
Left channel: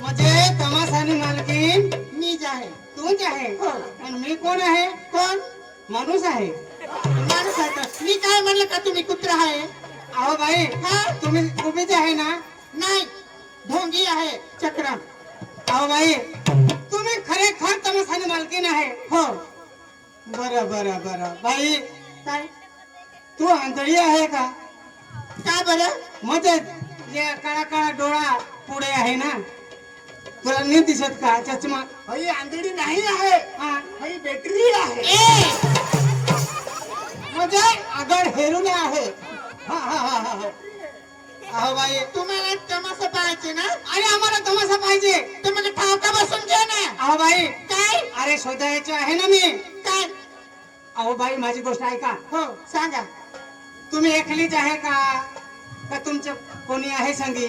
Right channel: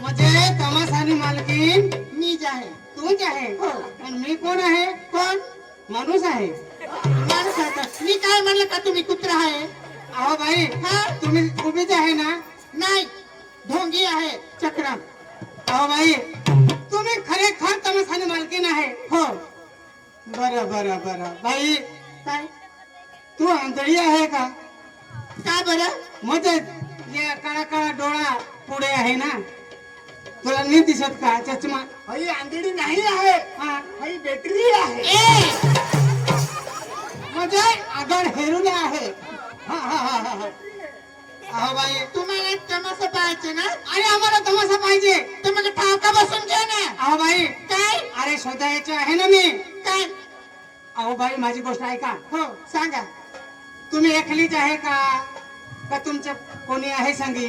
म्हणजे तमासानी मालकीन मी जाहे तूच आहे हो पण मी कोण आहे कोण माणूस आहे माणूस आहे तर. मी काय म्हणलं का तुम्ही कुत्रा आहे अहो बाई हा तुम्ही उभीच आहे ना नाही ढोंगी आहे चक्र अहो बाई तुम्ही खरेखर तमासानी मालकीन आहे हो बरं बरं बरं बाई काय तू आंधळी आहे का काय बरं म्हणजे जे काळा काळा डोळा पुढे आहे ना तुला नाही दिसत का चष्मा हई आंधळी नाही आहे हा हई बॅटरी आहे ए म्हणजे आगड हेरून आहे हा हा हा हा हा. अहो बाई तुम्हाला तमाशा पाहायचे ना अरे आम्हाला तमाशा पाहिजे तुम्हाला ठावका बसून घ्या ना अहो बाई काय अरे शोधायचं आहे ना मी काय अहो बाई माझी गोष्ट ऐका हो सांगा तुम्ही एकलीच आहे का तुमचं कोणी आहे सांगी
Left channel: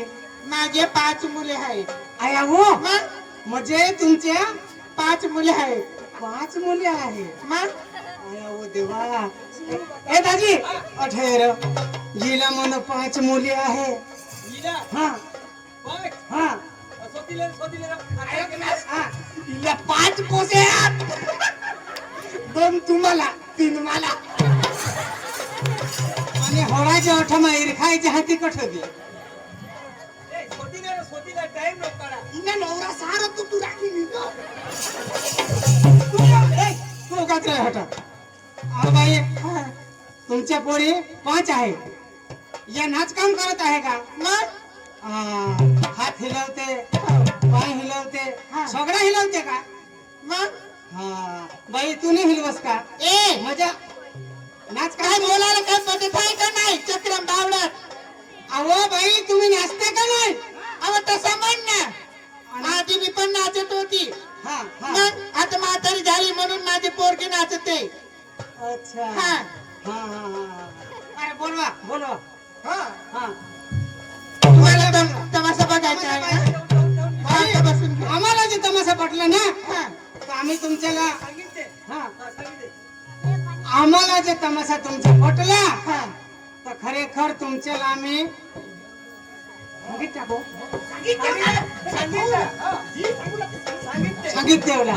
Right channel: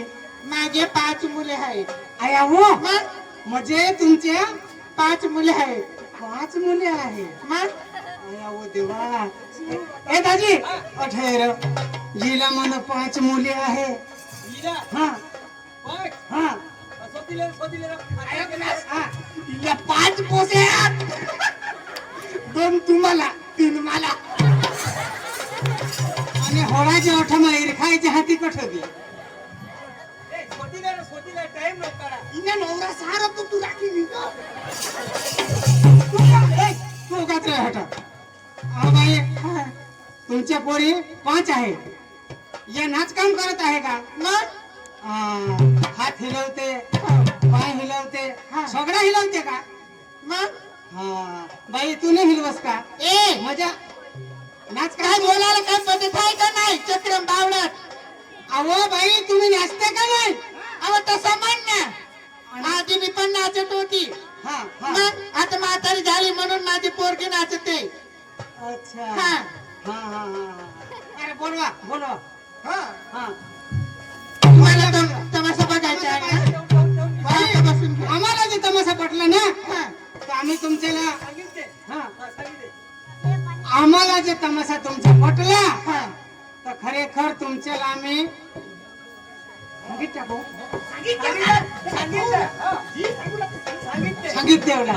माझे 5 मुले आहेत आहे अहो मग म्हणजे तुमच्या 5 मुले आहेत 5 मुले आहे मग अरे अहो देवा ए दाजी अठेर जिला मन 5 मुली आहे हा हा हा. हिला 5 पोसे आहेत. 2 तुम्हाला 3 मला आणि होळाच्या अठमा इरखायची हाती कठदी हिला नवरा सारा तू राखी नाही का? तू काय तुला हटा अहो बाई हा, तुमच्या पोरी 5 आहे या नाच काम करत आहे का मग हात हिलवते पाय हिलवते सगळं हिलवते का मग हा बाई तू नाही हिलवस का ए मजा नाच काय काय बोलायला काय पद्धत आहे का नाही चक्रम बावडत अहो बाई तुम्ही नाचते का नाही अहो तसं म्हण ना आधी मी पण नाचत होती हा हा मग आता म्हातारी झाली म्हणून माझी पोरगी नाचते अच्छा हा हा हा हा अरे बोलवा बोलवा हा हा तुम्हाला तमाशा बघायचा आहे ना? बाई, आता बसून घ्या. आम्हाला जे तमाशा पटला ना हा. तर आम्ही तुमच्याला हा आम्हाला जे तमाशा तुमचा पटला हा. तर खरेखर तुमच्याला आम्ही गीत टाकू. संगीत देवला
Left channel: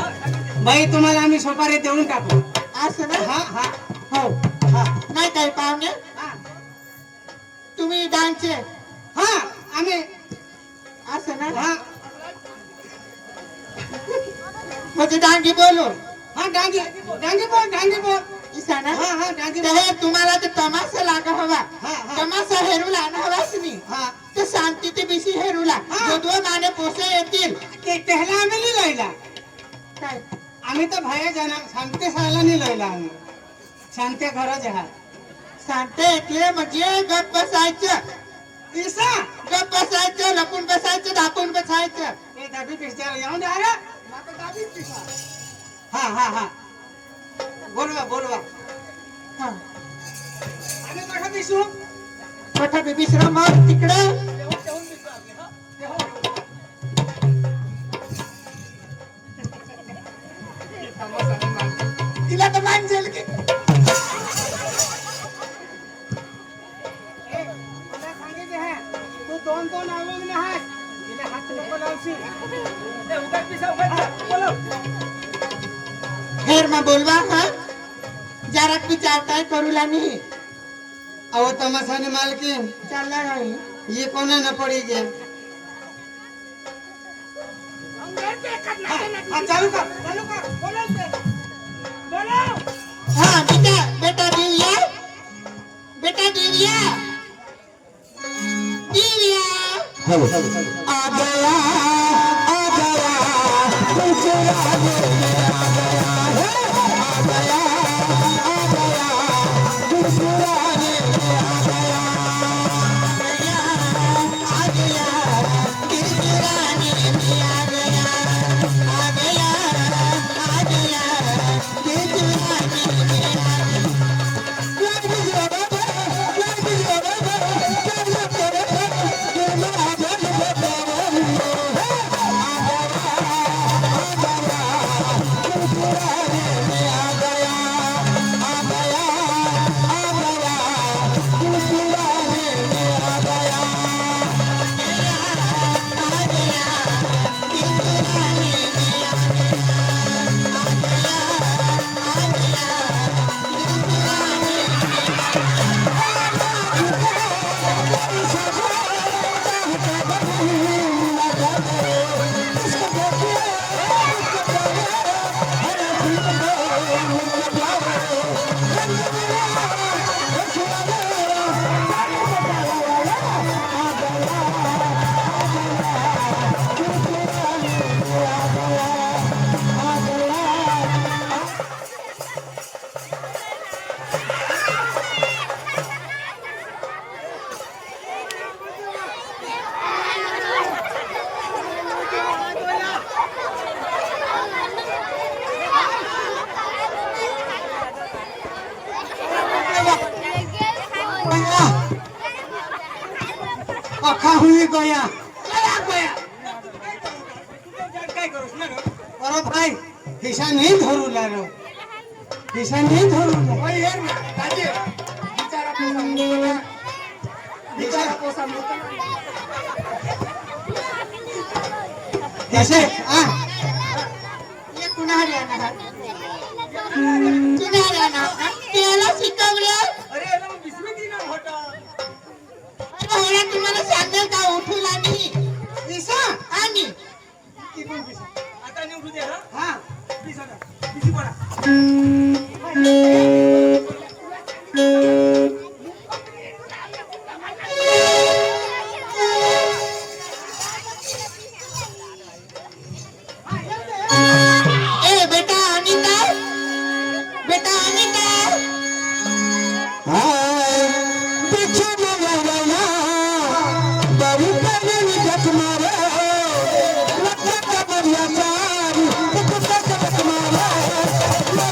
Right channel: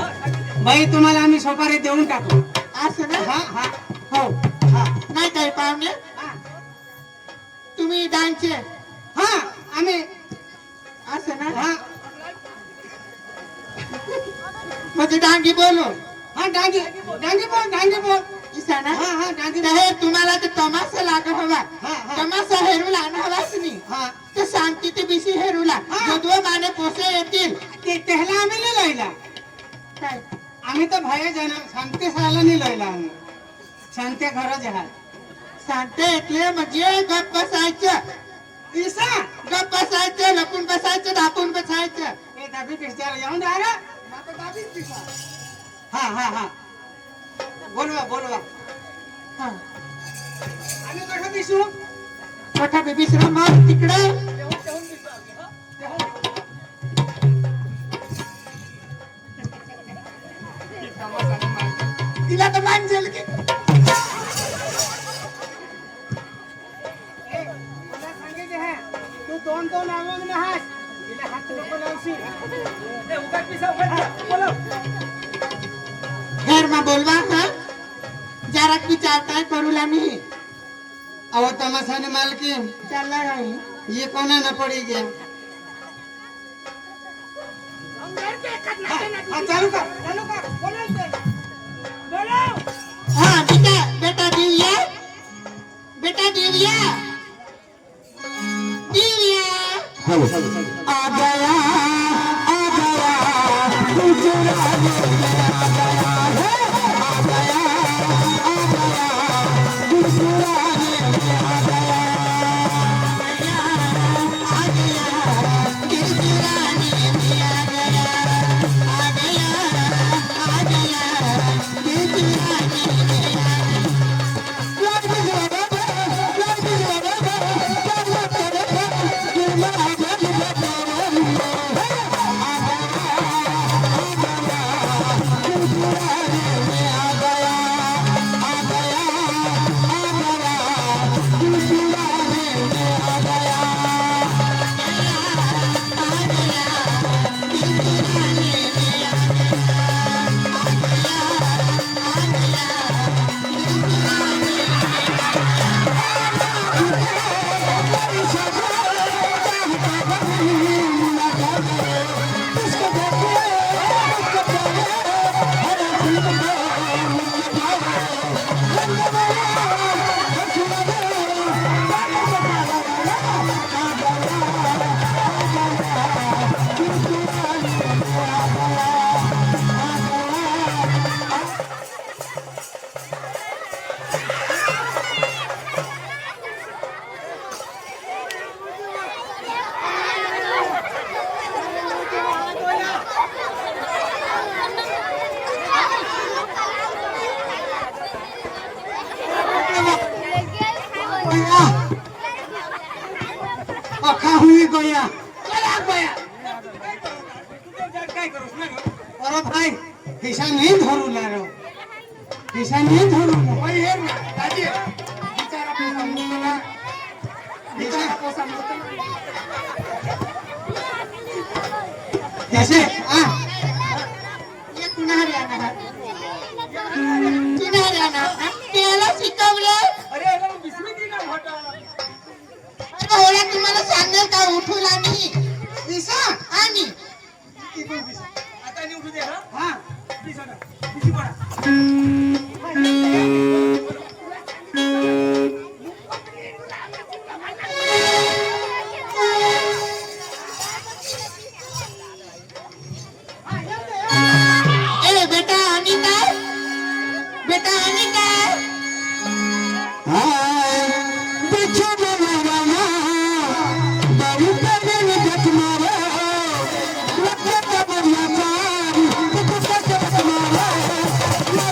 बाई तुम्हाला आम्ही सोपारी देऊन टाकू असं ना हा हा हो हा नाही काही पाहुणे हा तुम्ही डान्सचे हा आम्ही असं ना हा म्हणजे डांगी बोलो हा डांगी डांगी बोल इसा ना हा हा डांगी तर हे तुम्हाला ते तमाशा लागा हवा हा, हा. तमाशा हेरू लाना हवाच नाही हा तर शांतीचे बिशी हेरूला हा. जो 2 माने पोसे येतील ते त्याला आम्ही नाही लयला काय आम्ही तर बाहेर जाणार शांती साला नाही लयला आम्ही शांती खरंच आहे शांते ऐकले म्हणजे गप बसायचं ईसा गप बसायचं लपून बसायचं दापून बसायचं हे दाबी पिस्त्याला येऊन द्या रे हा हा हा बोलवा बोलवा हा. आम्ही कसं दिसू मोठा बेबीश्रा मग तिकडे तिला तर मान जेल की ए, मला सांगितले हा तू दोन दोन आवंग ना हात तिला हात नको लावशी खैर में बोलवा हाँ जरा कुछ आता है करूला नहीं अहो तमाशाने मालकीन चल रहा है ये कोणा न पड़ी गया हाँ चालू कर बोलो हाँ बेटा बेटा दिव्या बेटा दिव्या दिव्या आ गया अखा हुई गया अरे भाई हिस्सा नहीं धरू ला रो हिस्सा नहीं धरू ला वही है ना दादी बिचारा को समझेगा बिचारा को समझेगा जैसे हाँ ये कुणाल राणा है कुणाल राणा त्याला शिकवलं अरे याला मग बिस्मित दिला होता अरे होला तुम्हाला सांगेल का उठून आणि इसा आणि आता नाही उठू दे हा हा प्लीज होता बिझी पडा ए बेटा आणि काय बेटा आणि काय हाय पीछे बोलो रामा बड़ी बड़ी जट मेरे लगे का बढ़िया चार तो कुछ जट मेरे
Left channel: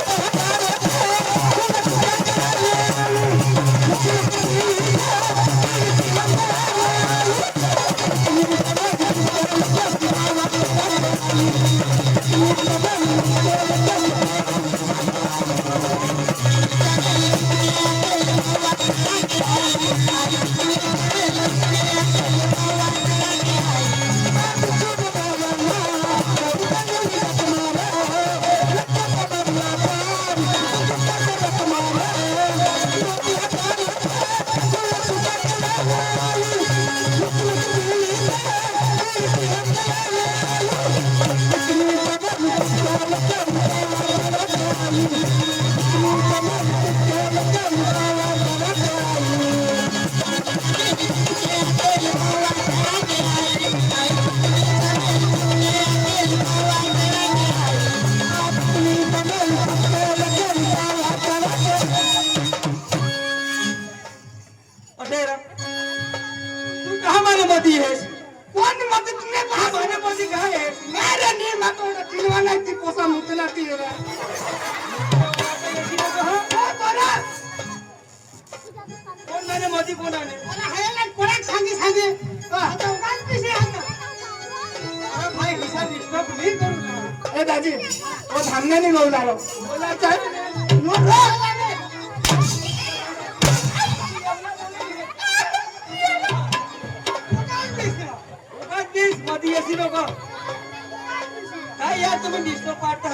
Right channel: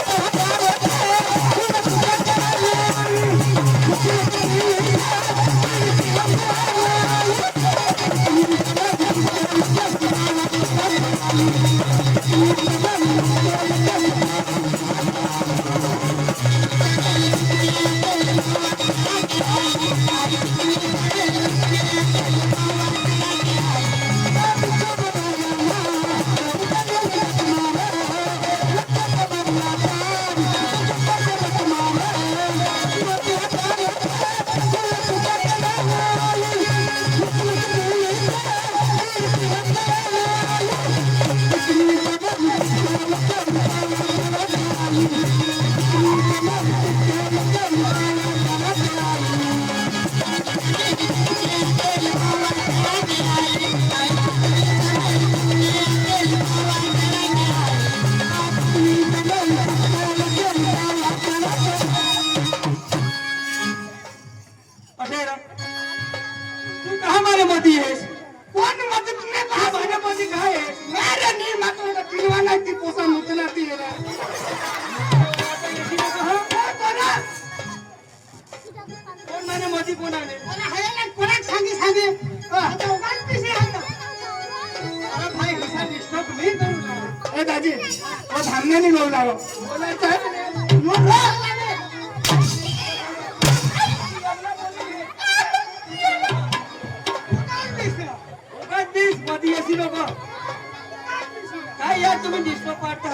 झालं बोलायचं आहे म्हणे. नोट रा. उगाच दिस मध्ये अशी नको काय यार तुम्ही दिसतो पाठ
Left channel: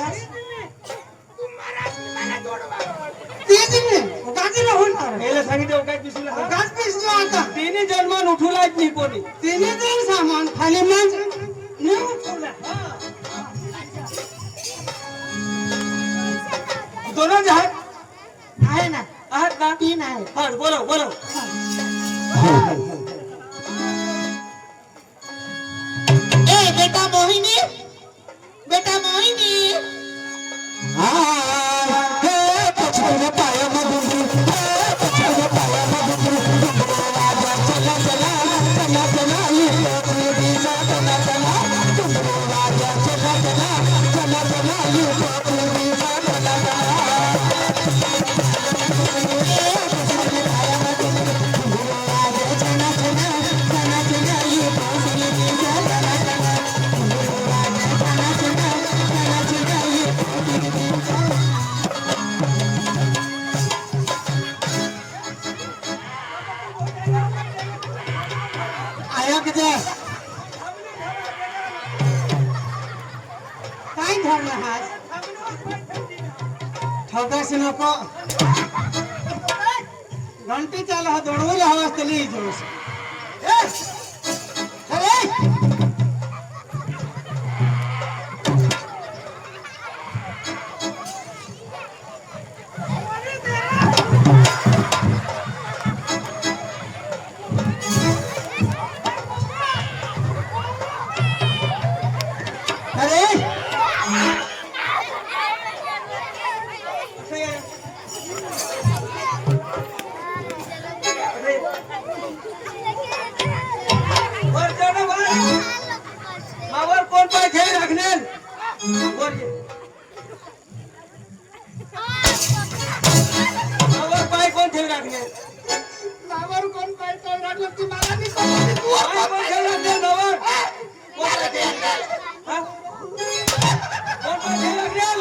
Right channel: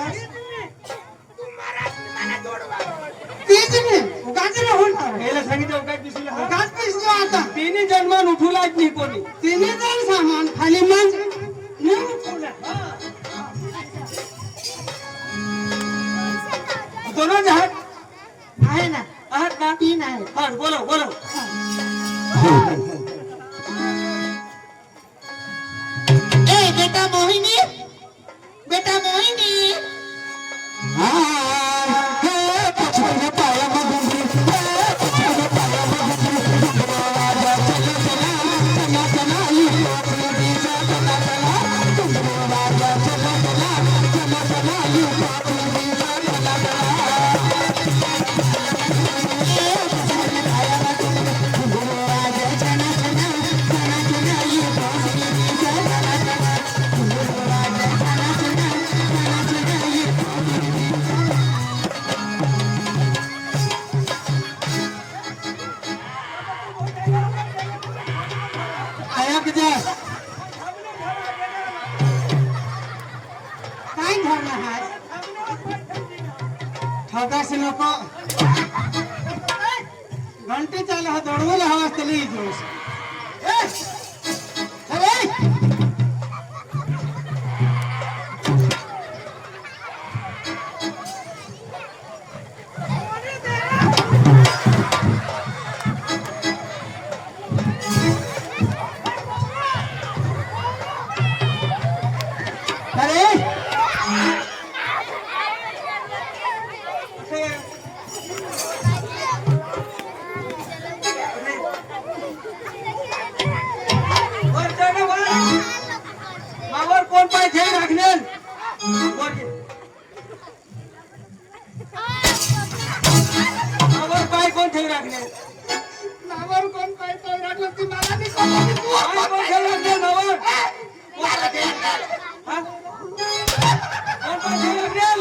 तेच नाही उगाच नाही होणार याला सांगितलं उगाच दिसू उगाच पैसे आता तिने जन्मान उठवलाच नाही कोणी तिने जाऊन सामान खाली मांज नेऊन उठवलं. दोनों जहाज आहे ना आहात ना तीन आहे हा बोलो बोलो ए बेटा मोहिनी बेटा मोहिनी आया किती काय झालं हात ठोकास नको घंटी चालू हा दौडवून हवा असते जोश वर चढ वर मावर कोण पाय ठेवी राखण्याल वर घे. मावर पाय कोण ठेवी राखणे नावावर कोण काय तो लागलं ती मला नाही कळलं. तू पाय कोण ठेवी राखणे मावर हा? कोण पाय ठेवी राखण्याल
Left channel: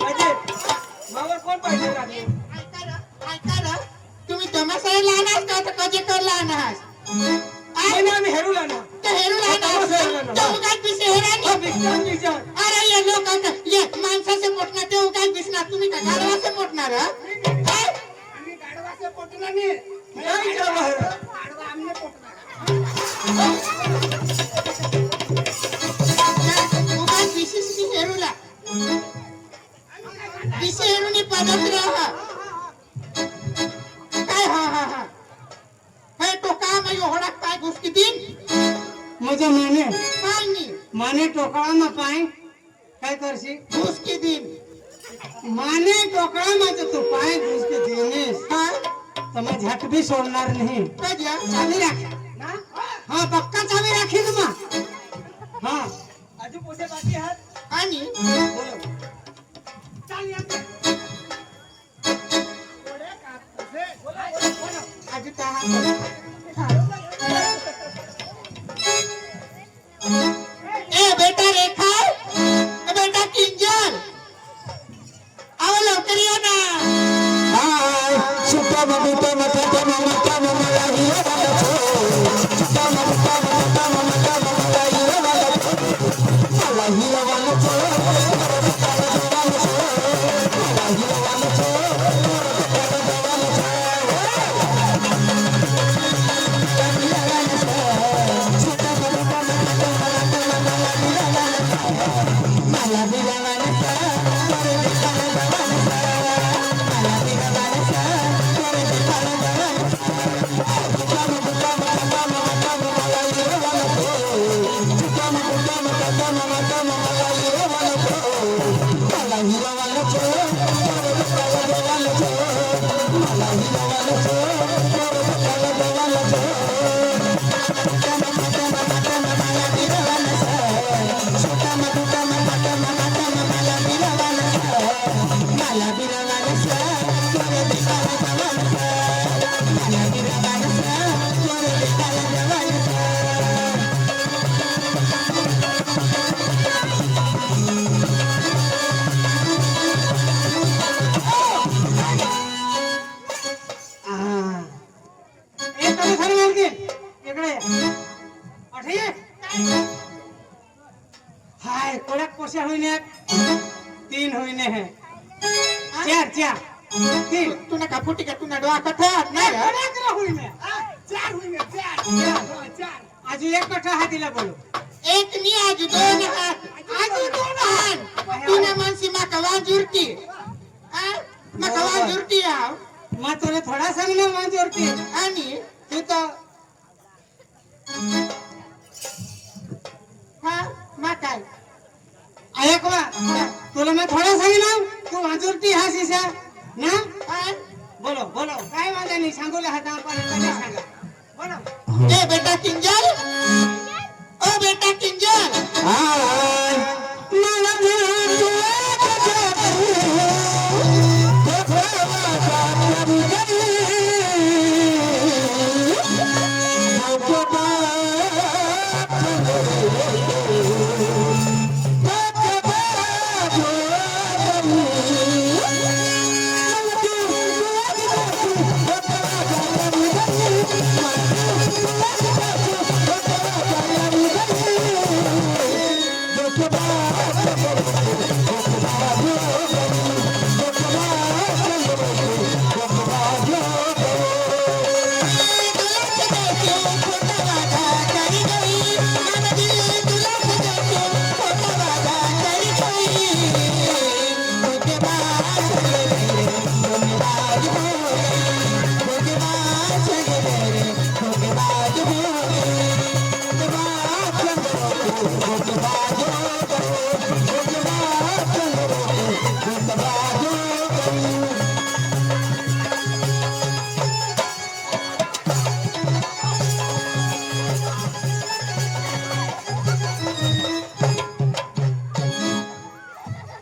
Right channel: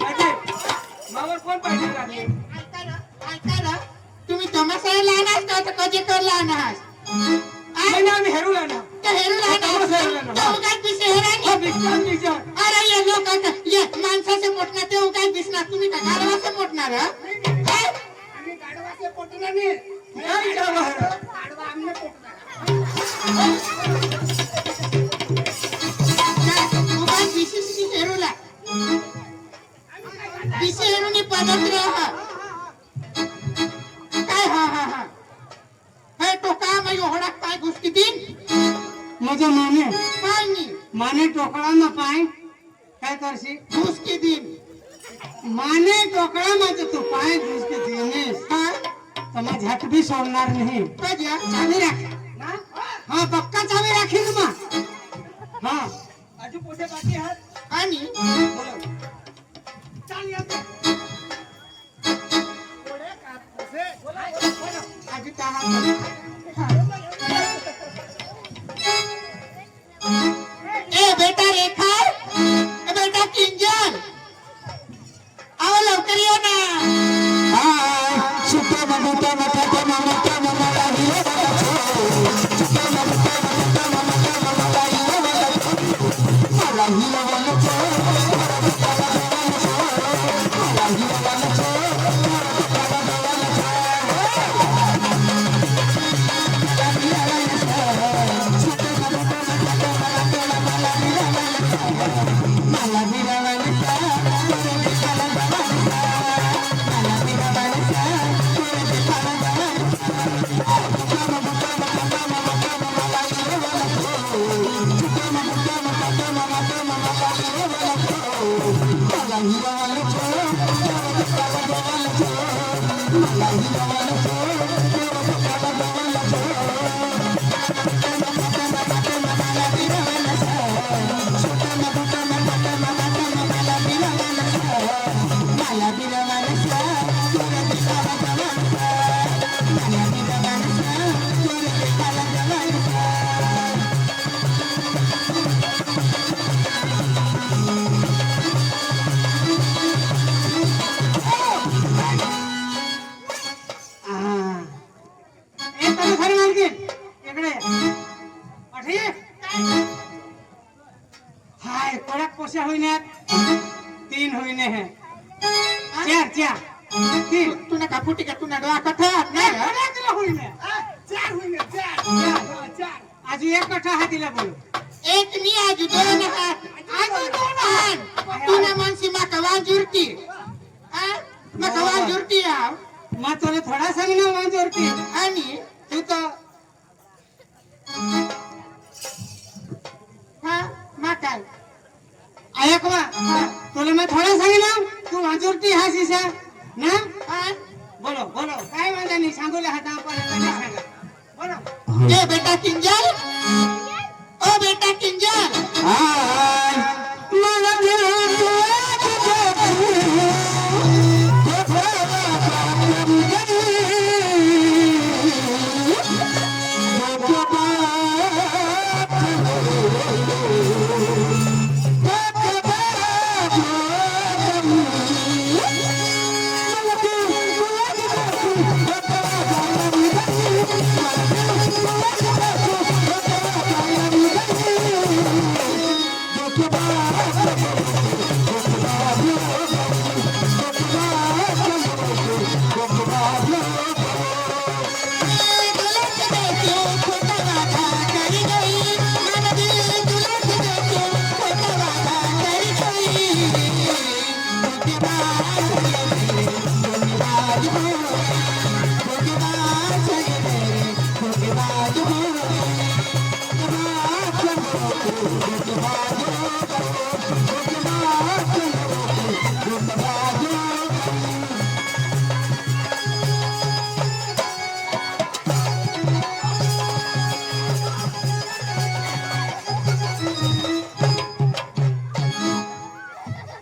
माहिती मावर कोण पाय ठेवी राखणे ऐका तुम्ही तमाशाला लहान का आता कधी कर लहान नाही ना आम्ही हेरू ना तर हेरू लहान काय पिसे हेरा अरे ये लोक आता ये माणसाचे मोठणार ते काय दिसणार तुम्ही का गाडवाचं मोठणार काय आम्ही गाढवाचे पोटला नाही. गाढवा आम्ही पोटला. तू काय दिसीस की हेरूला दिसे हेरूनी पदत राहा काय हा हा हा हे टोका मग होडा काय गोष्टी दिन मजा माने काय नाही माने टोकळा ना पाय काय करशी घुसकी दिन माने टोकळा माझं तू पाय घुसकी देनेस हा तर मग झट भी सोडणार नाही कधी चावी राख हा पक्का चावी राखील मग हा आजू पोसे बाकी आहात आणि बोलो चाल या ते. कोड्या कापसे. बोला, बोला, बोला. आधी का ए बेटा रेखा ए बेटा किंजर आओ लवकर ये ना Thank you. महिन्यात 3 महिने है 4 3 तुला का फुटी का तुला डोळा कथात नाही का? अकरा महिने चार होईने चार अजून एक कथा आहे तिला बोलू एक नी आज दोन हात आज दोन हात तुला मानसी माका वाजुरती माका वाजुरती आव मग तुला थोडा सांग ना माझ्यावरती आणि तू तर हा मा काय ऐक वा तुला मैं थोड़ा सांगिना तू वाजवती हा सीसा ना हा? बोलो बोलो काय माझा नाही सांगूले हाता पण सांगा बोलो ए बेटा किंजल ओ बेटा किंजल हाय मला दिल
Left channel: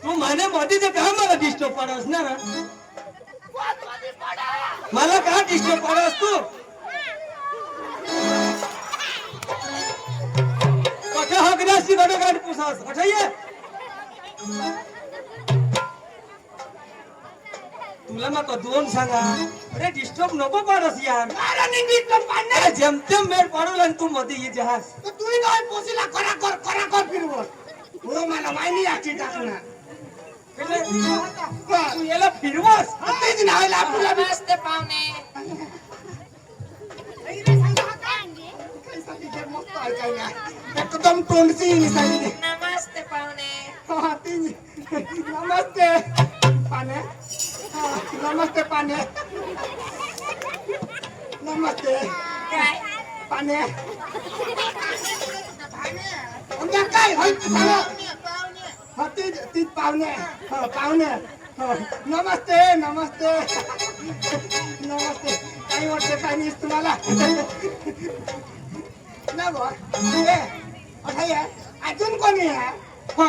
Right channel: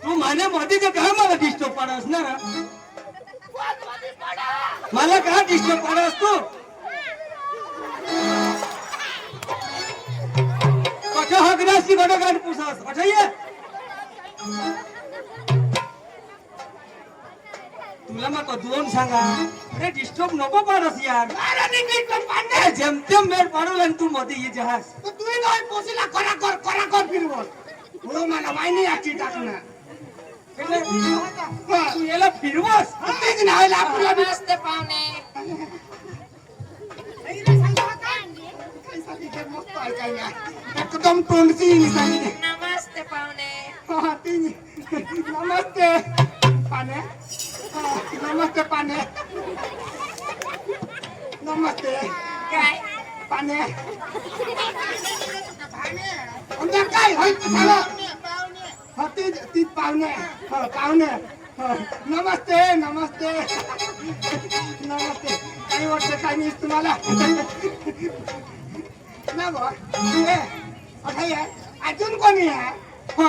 तू म्हणे मोठी तर का मला डिस्टर्ब पडस ना मला का डिस्टर्ब पडस तू कथा हकराशी कडे गाड पुसास अठये तुला मग दोन सांगा अरे डिस्टर्ब नको पाडस यार अरे नी डिस्टर्ब पाडणे अरे जेमतेम मेळ पाडवला आणि तू मध्ये ये जहाज तर तूही नाही पोसीला करा कर फिरवत हो मला माहिती याची टाकणार तू याला फिरवस तेच नाही आपल्याला बी नमस्ते पाहुणे मस्त ऐकायला एकदम तोंडची सांगितले नमस्ते पाहुणे हा, नमस्ते पाने नमस्ते पाने नमस्ते काय पाने अंदर काय व्हायचं सांगा हा ती पाहुणे हो पाहुणे हो नमस्ते नमस्ते नमस्ते काही वाटते काही नाही तुम्हाला ना बा अजून कोणी आहे हो